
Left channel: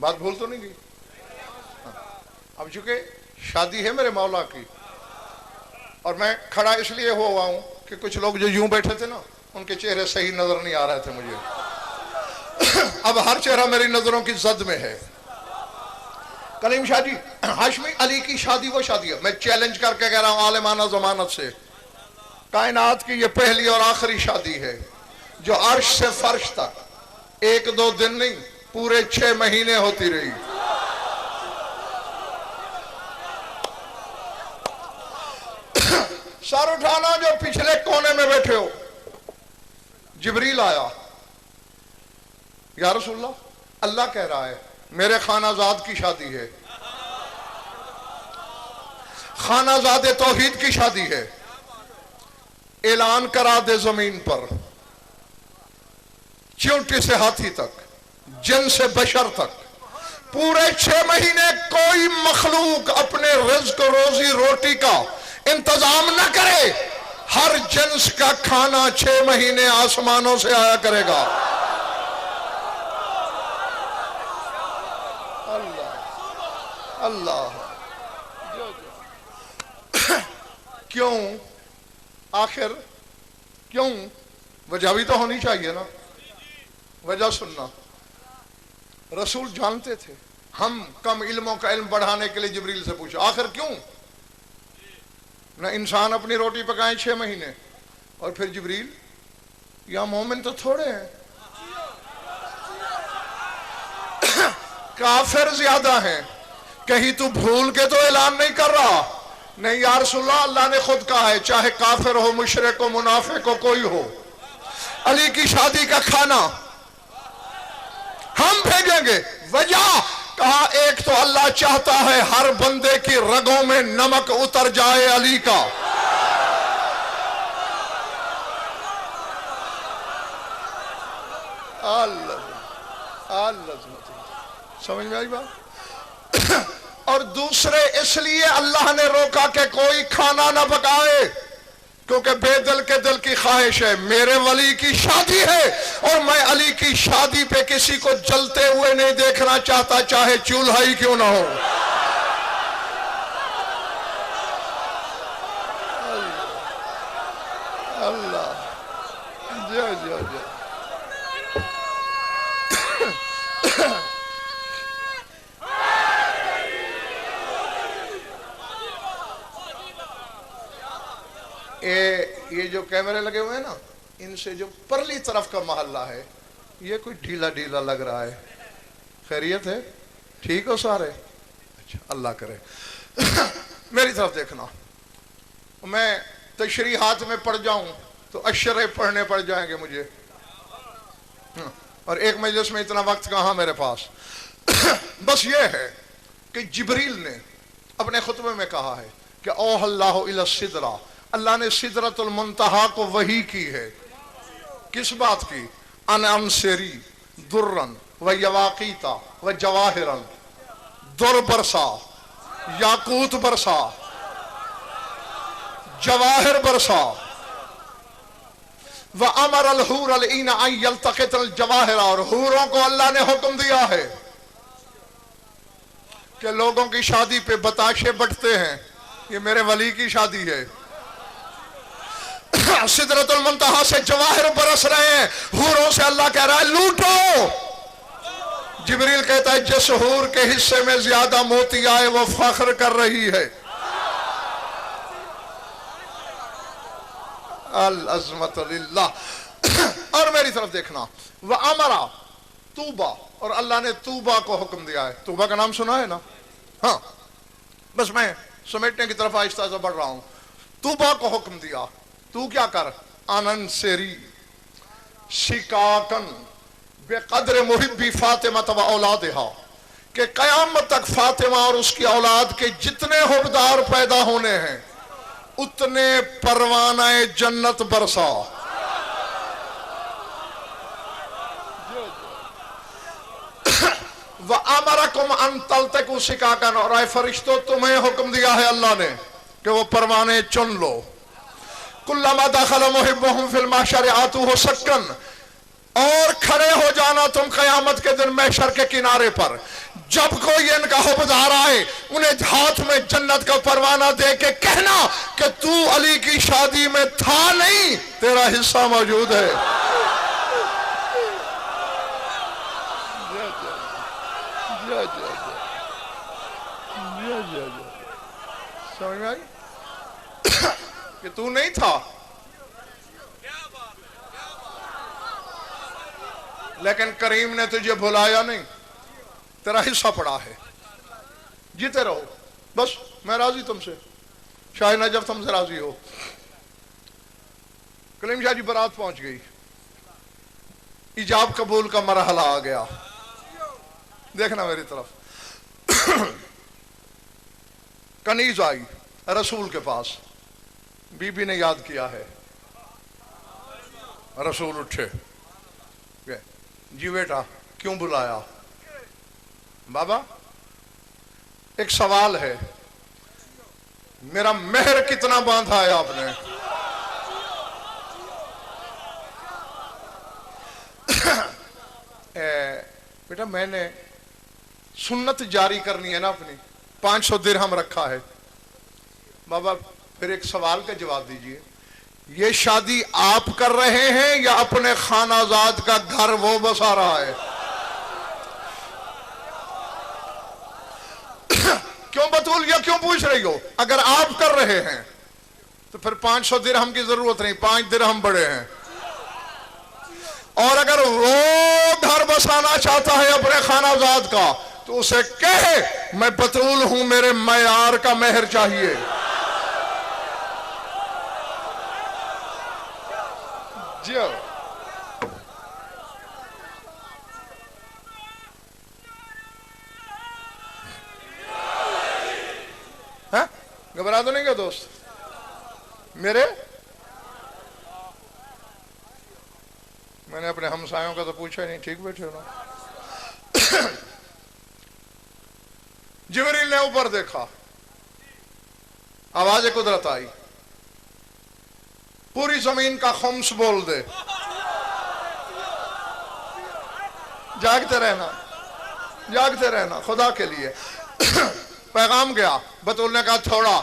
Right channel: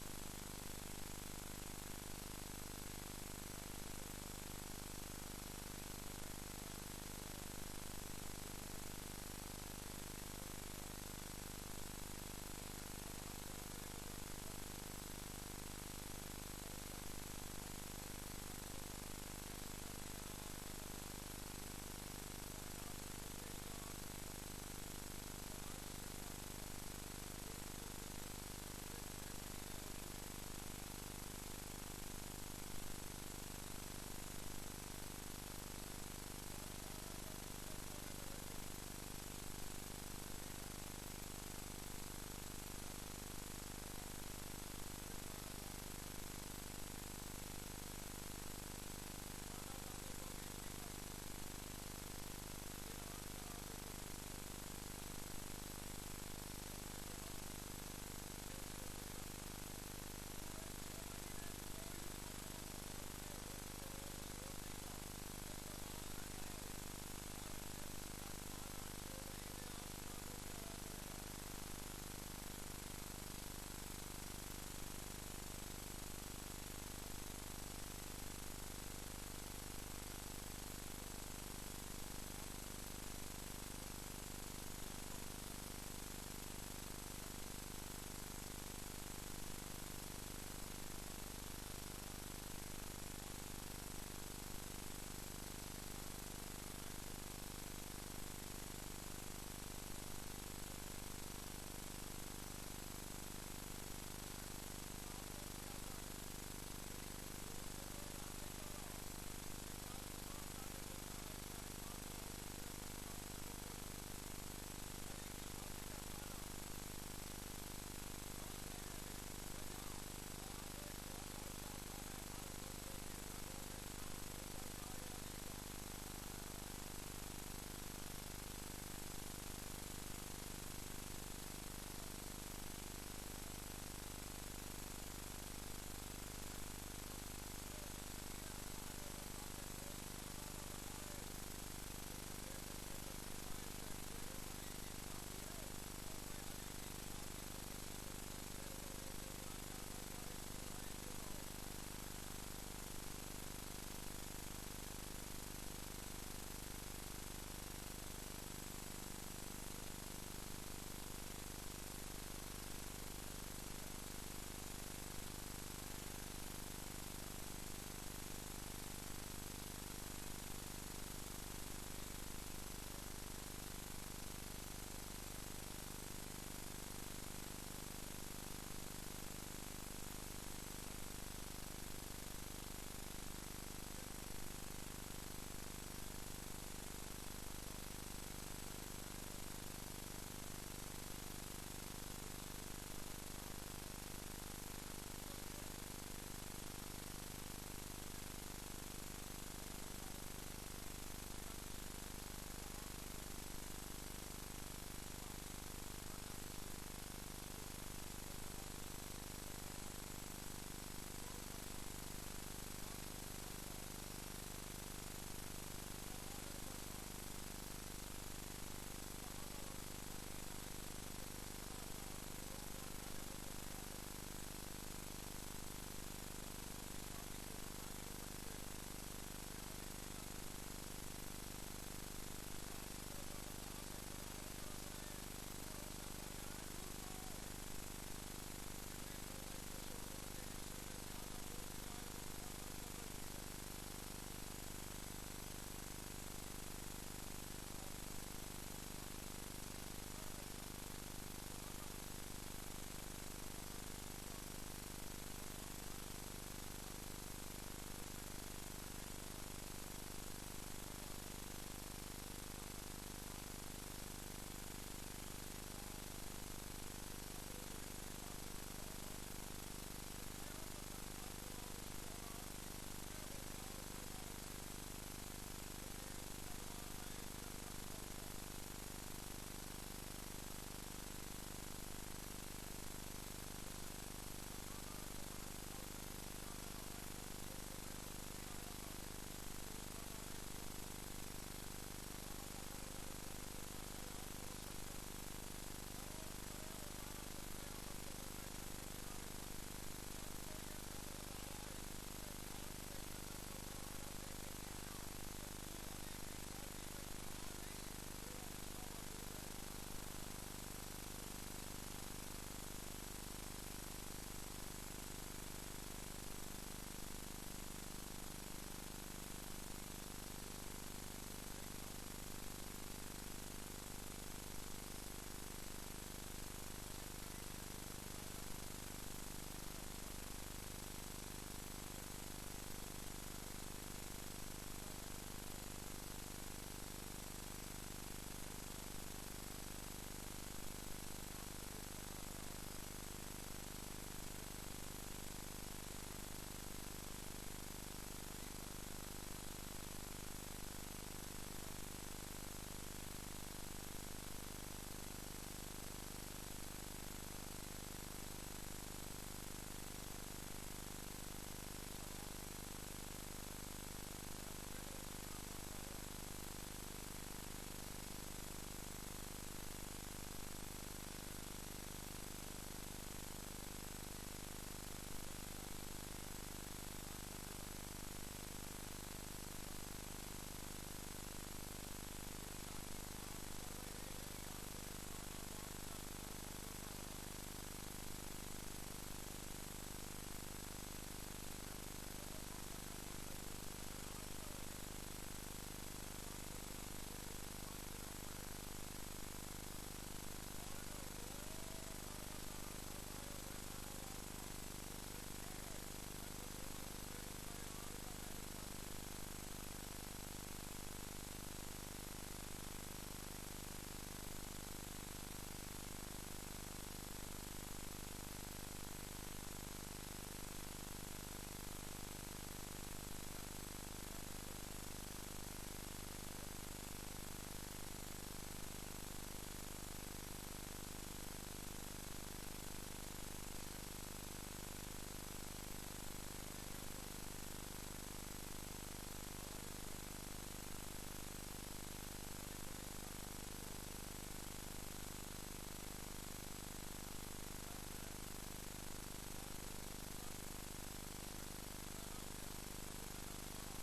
बात भूल तो नहीं गई। अब चूंकि शादी है मेरे मौला की और मैं खड़ा इसलिए हुआ हूं कि कुछ लोग जो यूं बैठे थे ना, उनके चेहरे सही नजर नहीं आ रहे थे मुझे। अब हर चेहरा मेरी नजरों की जद में है। कलीम शाह जी, हाशमी अली की शादी वो शादी है, मैं चैलेंज करके कह रहा हूं आलिमाना जमानत से, कायनात की ये पहली और आखिरी शादी है जो अर्श से फर्श तक 1-2 दिन नहीं, पूरे 6 महीने होती रही। सर उठाना जो पिछले कोने में बैठे हो। जिब्रील आया, या रसूलल्लाह, अल्लाह कह रहा है मेरे खानाजाद की शादी है, खानाजादे तौहीद की शादी है, ऐलान करा दे जमीन पर, चींटी से हाथी तक, जिन से बशर तक, पूरे 6 महीने कोई मखलूक अपने रिज्क रोजी रोटी का इंतजाम न करे। हर जिन्स का खाना 6 महीने आसमानों से आया करेगा। अल्लाह अल्लाह। क्यों? आखिर क्यों? वजह भी तो होनी चाहिए ना। वजह सुनना, रसूल जानते थे हम कम इल्मों का इल्म बढ़ाने के लिए जिब्रील से पूछा आखिर क्यों ना इंसान अपनी रोटी पकाए 6 महीने। और फिर जिब्रील, या मोमिन तो थोड़े हैं, काफिर ज्यादा हैं, कहीं तू भूल के तो ऐलान नहीं कर रहा? नहीं या रसूलल्लाह, अल्लाह ने खुद कहा है चाहे काफिर हो, मुशरिक हो, मुनाफिक हो, कोई हो, अली की शादी का खाना हम भेजेंगे। वजह कहा, एक तो अल्लाह चाहता है हर बंदे की रगों में नमक उतर जाए अली का। समझ में आई बात? और दूसरे इसलिए अल्लाह ने रोका कि कोई खाना ना पकाए, क्योंकि बेदिल के दिल की ख्वाहिश है मेरे वली की शादी है और मैं अली की शादी पे किसी को जलते हुए नहीं देखना चाहता, चाहे चूल्हा ही क्यों ना हो। अल्लाह जय जय जय। ये जो कैमरे लगे हुए हैं ना, इनसे जो परली तरफ का मोहल्ला है ये कोई ढीला ढीला लग रहा है। खैरियत है? ठीक हो सारे? अच्छा, अल्लाह करे। मेरी तरफ देखना, मैं तशरीहात में पढ़ जाऊं तो अशरे पढ़ने पड़ जाएंगे मुझे, और एक मजलिस में इतना वक्त कहाँ मेरे पास। बस ये है कि जिब्रील ने अपने खुतबे में कहा है कि ओह अल्लाह इला सिदरा, अल्लाह ने सिदरतुल मुंतहा को वही की है। किस बात की? अन अनसेरी दुर्रन व यवाकीता व जवाहिरन, दुर बरसा, याकूत बरसा, जवाहिर बरसा, व अमर अल हूर अल ईना अन यल्तक़ित अल जवाहिर, और हूरों को अल्लाह ने हुक्म दिया है कि लोगों की शादी पे बताशे बटते हैं, ये मेरे वली की शादी है। सिदरतुल मुंतहा से जवाहिर बरस रहे हैं, हूरों से अल्लाह कह रहा है लूटो। जिब्रील कहता है जिस हूर के हिस्से में ज्यादा मोती आए वो फख्र कर रही है। अल अज़मत लिल्लाह। और मेरी तरफ देखना, वह अमरा तूबा, और अल्लाह ने तूबा को हुक्म दिया है। तूबा का नाम सुना है ना? हाँ, बस मैं समेटने की तरफ आहिस्ता से बढ़ रहा हूं। तूबा को हुक्म दिया, तू क्या कर, आनंद सेरी शिकाकन बेकदर मुहिब्बी फातिमा तब औलादहा, कि कयामत तक फातिमा और उसकी औलाद के जितने हुबदार पैदा होने हैं उतने परवानाए जन्नत बरसा। व अमरकुम अन तल्तकू सिकाकन, और आए फरिश्तों तुम्हें हुक्म दिया है अल्लाह ने कि वो परवाने चुन लो। कुल्लमा दखल मुहिब्बुहुम फिल महशर आतूहु सक्कन, और खड़े हो जाना तुम कयामत के दिन महशर के किनारे पर, जब कोई इनका हुबदार आए उन्हें हाथ में जन्नत का परवाना दे के कहना कि तू अली की शादी में था नहीं, तेरा हिस्सा मौजूद है। समझ में आई कि तू नहीं था, लेकिन करीम ने तुझे भुलाया नहीं, तेरा हिस्सा पड़ा है, जीते रहो बस, मैं राजी तुमसे, शायद नजफ तुमसे राजी हो। कलीम शाह जी बारात पहुंच गई, इजाब कबूल का मरहला आ गया। देखना मेरी तरफ। कनीज आई रसूल के पास, बीबी ने याद किया है। रसूल उठे, जी बेटा क्यों बुलाया? बाबा एक सवाल है, मेरा मेहर कितना बांधा है आपने? बेटा मैंने सुन्नत जारी करनी है ना अपनी, 500 दिरहम रखा है। बाबा फिर एक सवाल का जवाब दीजिए, ये शादी आप कर रहे हैं या अपने खानाजाद का घर वो बसा रहा है? क्यों बतूल, ये क्यों पूछ रही हो? अगर आप कर रहे हैं तो फिर 500 दिरहम की जरूरत नहीं, 5 दिरहम बड़े हैं। और अगर वो घर बसाना चाहता है अपने खानाजाद का, तो उसे कहे मैं बतूल हूं, मेरे मयार का मेहर चाहिए। जियो है, घबरा तो नहीं क्या दोस्त मेरे? मैंने अपने हमसायों का तो पूछा ही नहीं, ठीक बैठे हो ना? जिब्रील ने ऊपर देखा, आवाज कुदरत आई, पूरी जमीन का खम्स बोल दे। जागते रहना, जागते रहना खुदा के लिए। पैगाम गया, बतूल ने कहा थोड़ा।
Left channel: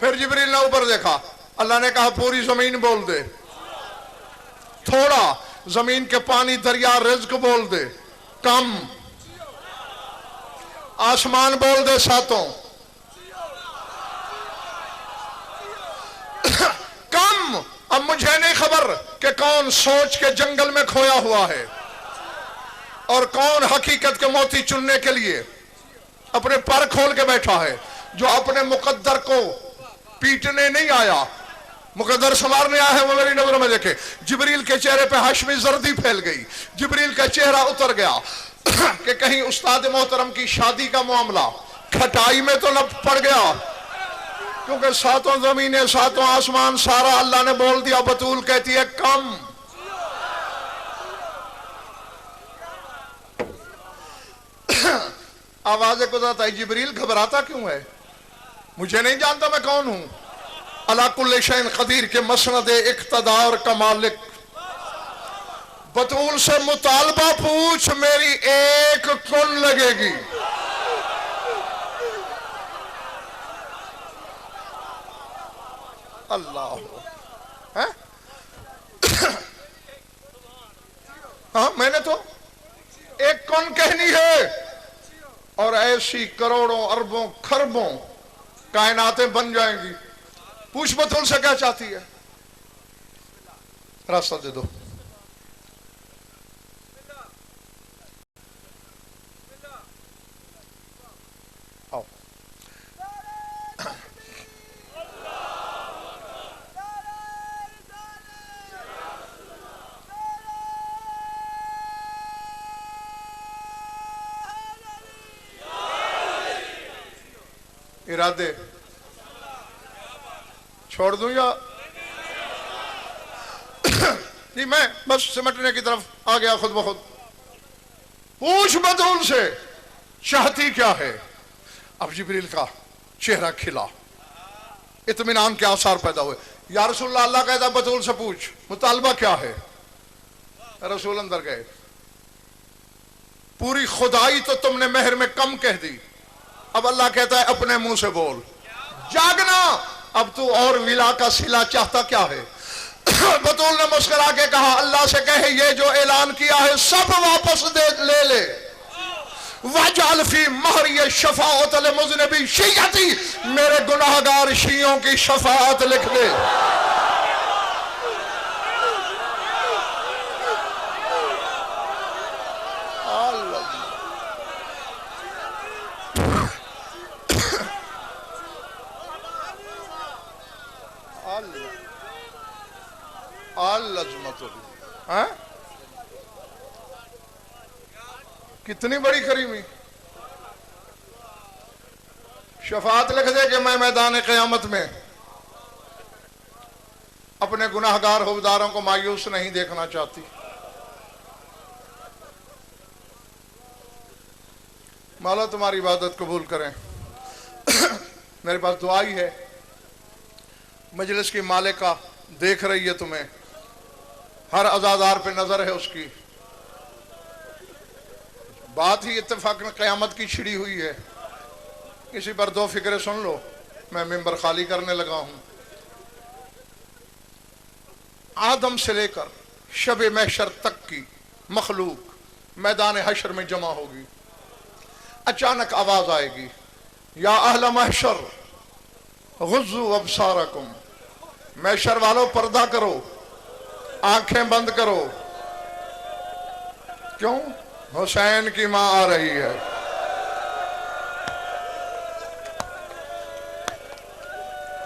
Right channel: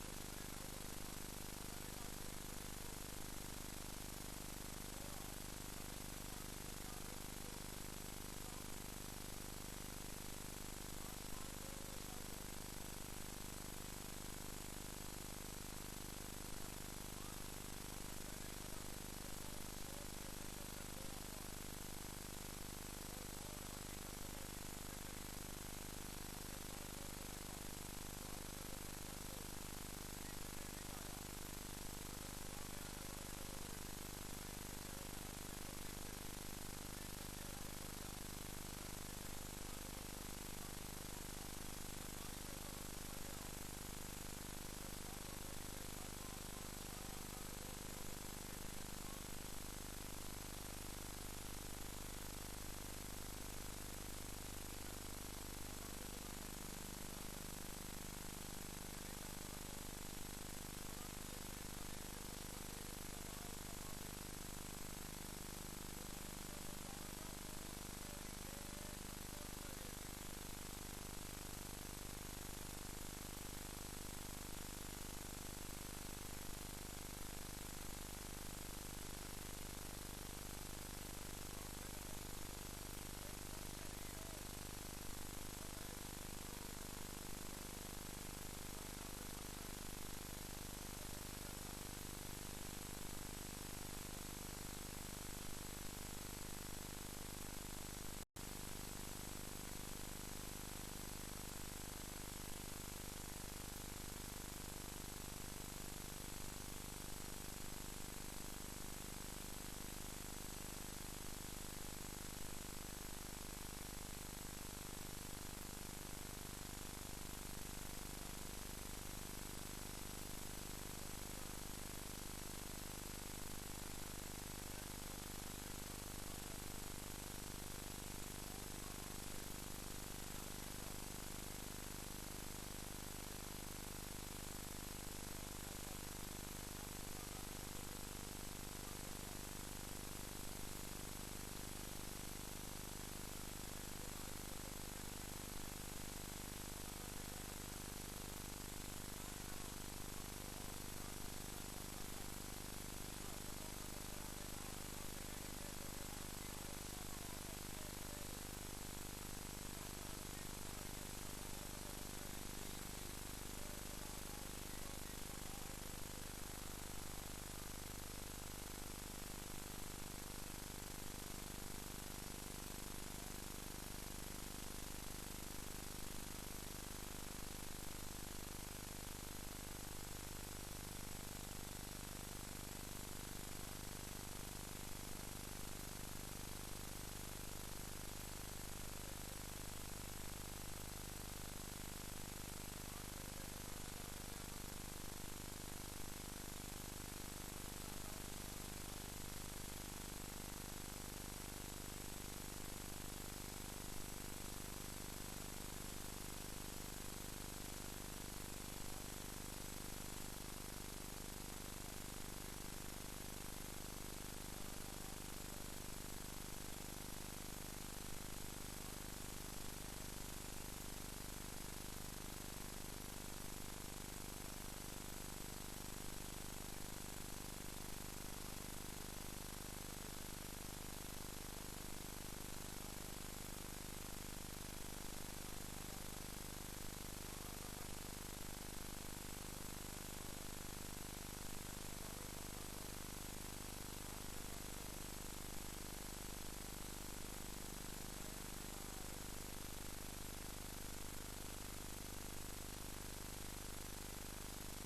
फिर जिब्रील ने ऊपर देखा, अल्लाह ने कहा पूरी जमीन बोल दे। थोड़ा, जमीन के पानी दरिया रिज्क बोल दे। कम, आसमान बोल दे सातों। कम, अब मुझे नहीं खबर कि कौन सोच के जंगल में खोया हुआ है और कौन हकीकत के मोती चुनने के लिए अपने पर खोल के बैठा है, जो अपने मुकद्दर को पीटने नहीं आया, मुकद्दर संवारने आया है। वो मेरी नजरों में देखे, जिब्रील के चेहरे पे हाशमी जर्दी फैल गई, जिब्रील का चेहरा उतर गया कि कहीं उस्ताद मोहतरम की शादी का मामला खटाई में तो न पड़ गया, क्योंकि सातों जमीनें सातों आसमान सारा अल्लाह ने बोल दिया। बतूल कहती है कम। आवाज कुदरत आई, जिब्रील घबराता क्यों है? मुझे नहीं जानता मैं कौन हूं? अला कुल्ले शैइन कदीर के मसनद इक्तदार का मालिक। बतूल से मुतालबा पूछ, मेरी एक कुन लगेगी। अल्लाह है? हाँ, मैंने तो एक कौन कहनी है और ऐसी करोड़ों अरबों खरबों कायनातें बन जाएंगी। पूछ बतूल से क्या चाहती है, रास्ता दे दो। आओ। इरादे छोड़ दूं या नहीं? मैं बस सिमटने की तरफ आ गया खुद ब खुद। पूछ बतूल से चाहती क्या है। अब जिब्रील का चेहरा खिला, इत्मीनान के आसार पैदा हुए। या रसूलल्लाह, अल्लाह कहता बतूल से पूछ मुतालबा क्या है। रसूल अंदर गए। पूरी खुदाई तो तुमने मेहर में कम कह दी, अब अल्लाह कहता है अपने मुंह से बोल, जागना। अब तू और विला का सिला चाहता क्या है। बतूल ने मुस्कुरा के कहा, अल्लाह से कहे ये जो ऐलान किया है सब वापस दे ले। वजअल फी महरी शफाअत अल मुज़निबी शियती, मेरे गुनाहगार शियों की शफाअत लिख दे। कितनी बड़ी करीमी। शफात लिख दे कि मैं मैदान क़यामत में अपने गुनाहगार हुबदारों को मायूस नहीं देखना चाहती। मौला तुम्हारी इबादत कबूल करें। मेरे पास दुआ ही है। मजलिस की मालिका देख रही है तुम्हें, हर अज़ादार पे नजर है उसकी। बात ही इत्तेफाकन क़यामत की छिड़ी हुई है। इसी पर दो फिक्रे सुन लो, मैं मिंबर खाली करने लगा हूं। आदम से लेकर शब महशर तक की मखलूक मैदान हशर में जमा होगी। अचानक आवाज आएगी, या अहल महशर गुज़्ज़ू अबसारकुम, महशर वालों पर्दा करो, आंखें बंद करो। क्यों? हुसैन की मां आ रही है।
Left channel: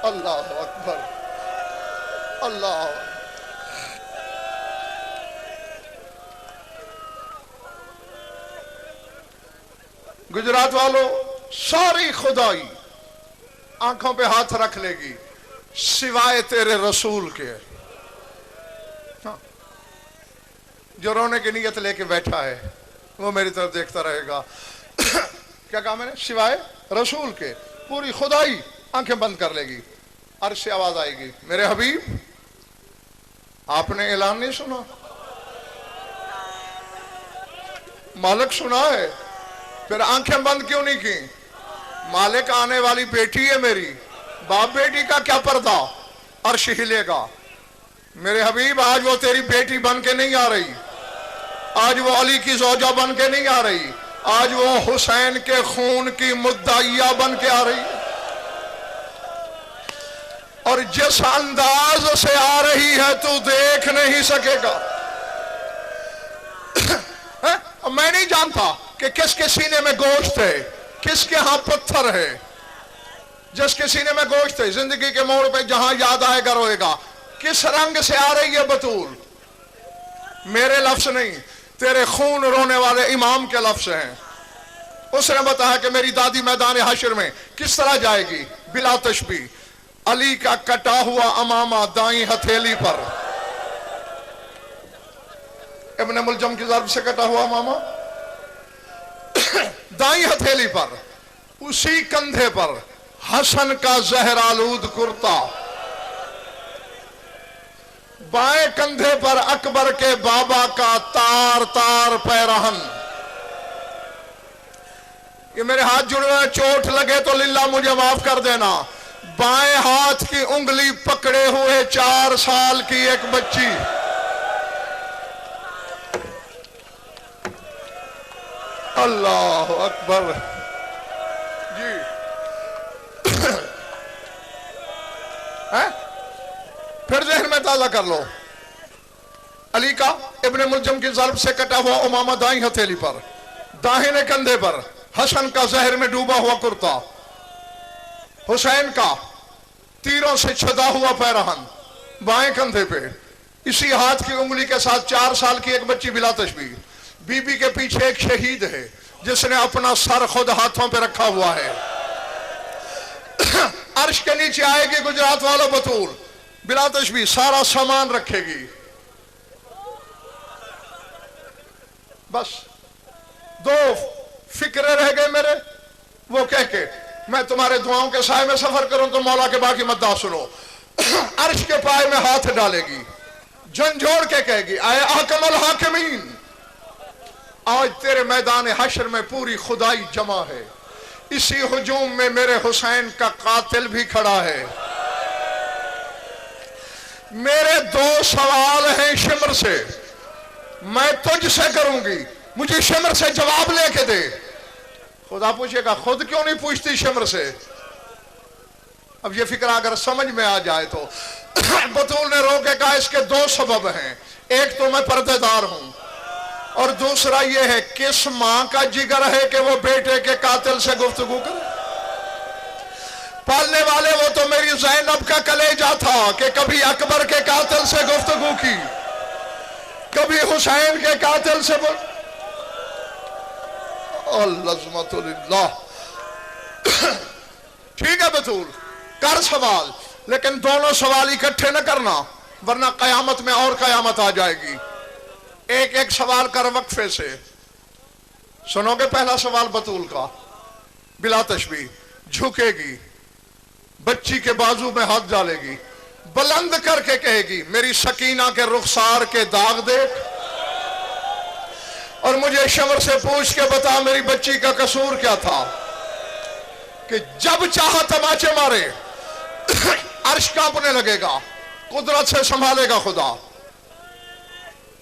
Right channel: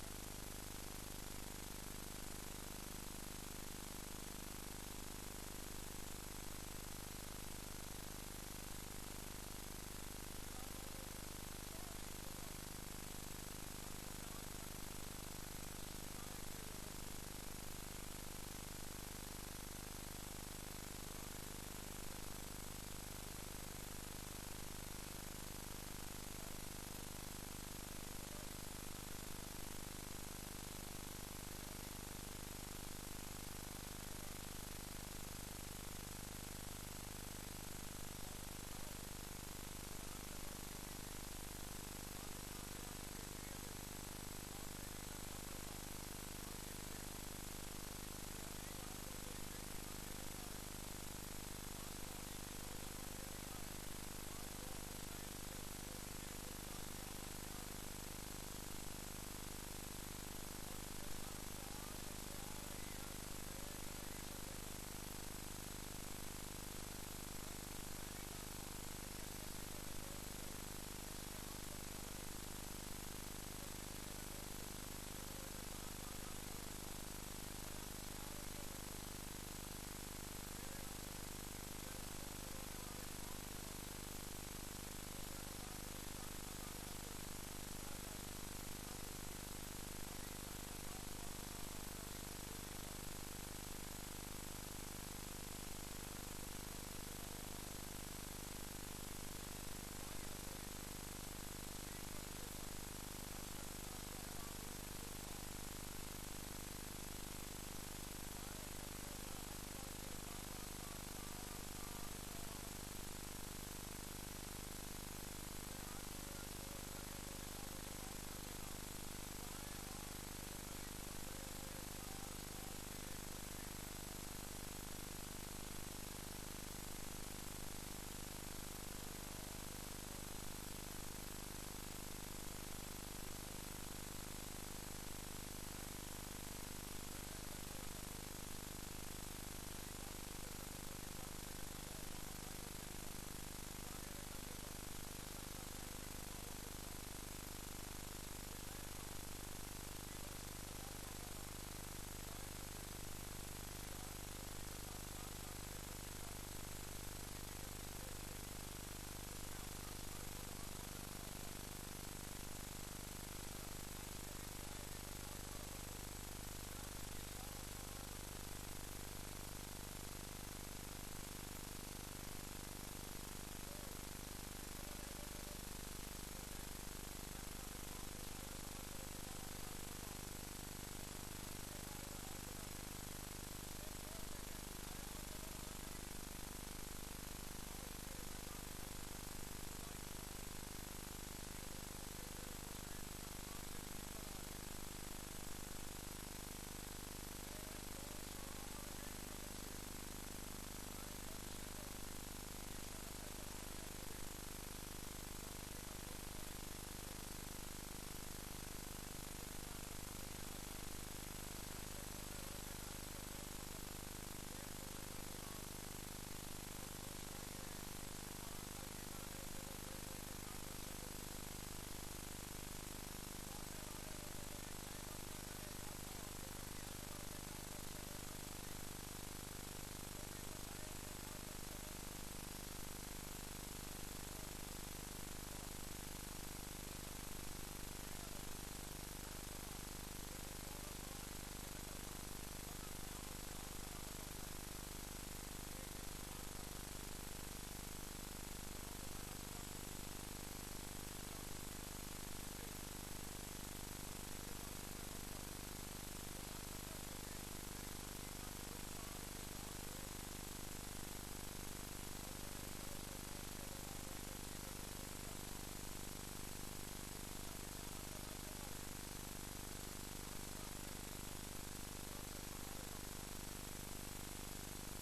अल्लाह अकबर, अल्लाह। गुजरात वालों, सारी खुदाई आंखों पे हाथ रख लेगी सिवाय तेरे रसूल के। जो रोने की नीयत लेके बैठा है वो मेरी तरफ देखता रहेगा। क्या कहा मैंने? सिवाय रसूल के। पूरी खुदाई आंखें बंद कर लेगी। अर्श से आवाज आएगी, मेरे हबीब आपने ऐलान नहीं सुना? मालिक सुना है, फिर आंखें बंद क्यों नहीं की? मालिक आने वाली बेटी है मेरी, बाप बेटी का क्या पर्दा। अर्श हिलेगा। मेरे हबीब आज वो तेरी बेटी बन के नहीं आ रही, आज वो अली की ज़ौजा बन के नहीं आ रही, आज वो हुसैन के खून की मुद्दाइया बन के आ रही। और जिस अंदाज से आ रही है तू देख नहीं सकेगा। मैं नहीं जानता कि किसके सीने में गोश्त है, किसके यहां पत्थर है। जिसके सीने में गोश्त है, जिंदगी के मोड़ पे जहां याद आएगा रोएगा। किस रंग से आ रही है बतूल? मेरे लफ्ज नहीं, तेरे खून रोने वाले इमाम के लफ्ज हैं। उसने बताया कि मेरी दादी मैदान हशर में किस तरह जाएगी, बिला तशबी। अली का कटा हुआ अमामा दाई हथेली पर, इब्ने मुलजम की ज़र्ब से कटा हुआ अमामा दाई हथेली पर, उसी कंधे पर हसन का जहरालूद कुर्ता, बाएं कंधे पर अकबर के बाबा का तार तार पैरहन। ये मेरे हाथ जुड़े हुए, चोट लगे तो लिल्ला मुझे माफ कर देना। बाएं हाथ की उंगली पकड़े हुए 4 साल की एक बच्ची, अल्लाह अकबर जी। है? फिर जहन में ताज़ा कर लो। अली का इब्ने मुलजम की ज़र्ब से कटा हुआ उमामा दाई हथेली पर, दाहिने कंधे पर हसन का जहर में डूबा हुआ कुर्ता, हुसैन का तीरों से छदा हुआ पैरहन बाएं कंधे पे, इसी हाथ की उंगली के साथ 4 साल की एक बच्ची बिला तशबीह। बीबी के पीछे एक शहीद है जिसने अपना सर खुद हाथों पे रखा हुआ है। अर्श के नीचे आएगी गुजरात वालों बतूल, बिला तशबीह सारा सामान रखेगी। बस दो फिक्रे रह गए मेरे, वो कह के मैं तुम्हारे दुआओं के साए में सफर करूं तो मौला के बाकी मद्दा सुनो। अर्श के पाए में हाथ डालेगी, झंझोड़ के कहेगी आए आकमल हाकिमीन, आज तेरे मैदान हश्र में पूरी खुदाई जमा है, इसी हुजूम में मेरे हुसैन का कातिल भी खड़ा है। मेरे दो सवाल हैं शिमर से, मैं तुझसे करूंगी, मुझे शिमर से जवाब लेके दे। खुदा पूछेगा खुद क्यों नहीं पूछती शिमर से? अब ये फिक्र अगर समझ में आ जाए तो बतूल ने रोके कहा इसके दो सबब हैं, एक तो मैं पर्देदार हूं और दूसरा ये है किस मां का जिगर है कि वो बेटे के कातिल से गुफ्तगू करे। पालने वाले वो तो मेरी ज़ैनब का कलेजा था कि कभी अकबर के कातिल से गुफ्तगू की, कभी हुसैन के कातिल से अल्लाह। ठीक है बतूल कर सवाल, लेकिन दोनों सवाल इकट्ठे न करना वरना कयामत में और कयामत आ जाएगी। एक एक सवाल कर वक्फे से। सुनोगे पहला सवाल बतूल का, बिला तशबीह झुकेगी, बच्ची के बाजू में हाथ डालेगी, बुलंद करके कहेगी मेरी सकीना के रुखसार के दाग देख और मुझे शमर से पूछ के बता मेरी बच्ची का कसूर क्या था कि जब चाहा तमाचे मारे अर्श कांपने लगेगा, कुदरत से संभालेगा खुदा।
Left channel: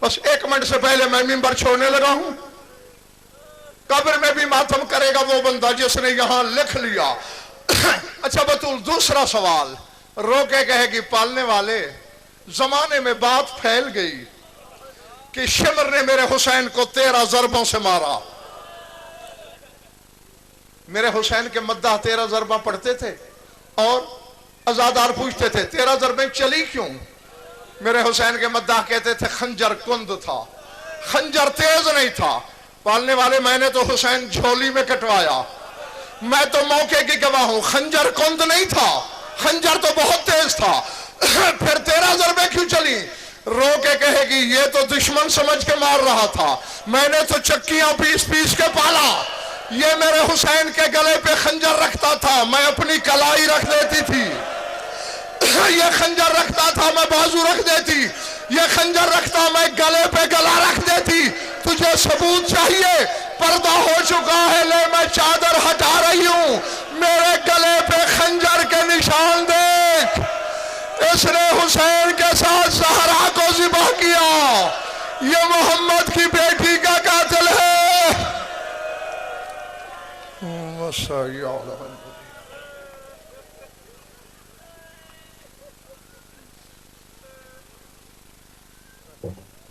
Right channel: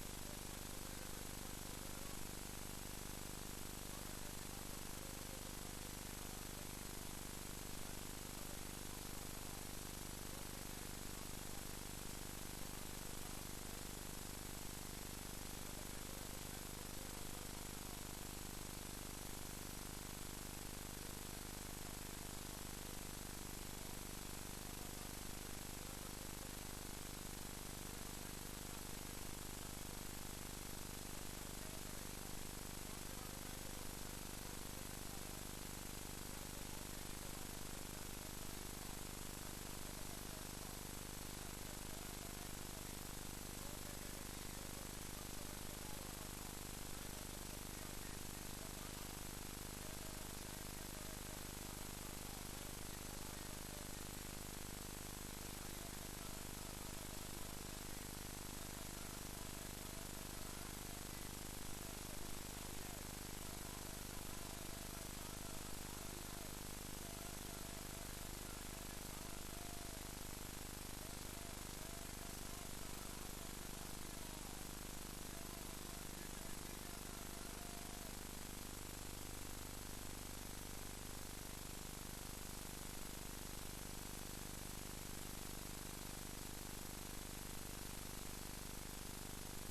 बस एक मिनट से पहले मैं मिंबर छोड़ने लगा हूं, कब्र में भी मातम करेगा वो बंदा जिसने यहां लिख लिया। अच्छा बतूल दूसरा सवाल, रोके कहेगी पालने वाले जमाने में बात फैल गई कि शिमर ने मेरे हुसैन को 13 जरबों से मारा। मेरे हुसैन के मद्दाह 13 जरबा पढ़ते थे और अजादार पूछते थे 13 जरबें चली क्यों? मेरे हुसैन के मद्दाह कहते थे खंजर कुंद था, खंजर तेज नहीं था। पालने वाले मैंने तो हुसैन झोली में कटवाया, मैं तो मौके की गवाह हूं, खंजर कुंद नहीं था, खंजर तो बहुत तेज था। फिर 13 जरबे क्यों चली? रो के कहेगी ये तो दुश्मन समझ के मार रहा था, मैंने तो चक्कियां पीस पीस के पाला। ये मेरे हुसैन के गले पे खंजर रखता था, मैं अपनी कलाई रख देती थी। ये खंजर रखता था, मैं बाजू रख देती। ये खंजर रखता, मैं गले पे गला रख देती। तुझे सबूत चाहिए? पर्दा हो चुका है, ले मैं चादर हटा रही हूं, मेरे गले पे खंजर के निशान देख। इसने हुसैन के साथ ज़हरा को ज़िबह किया, ये मोहम्मद की बेटी का कातिल है।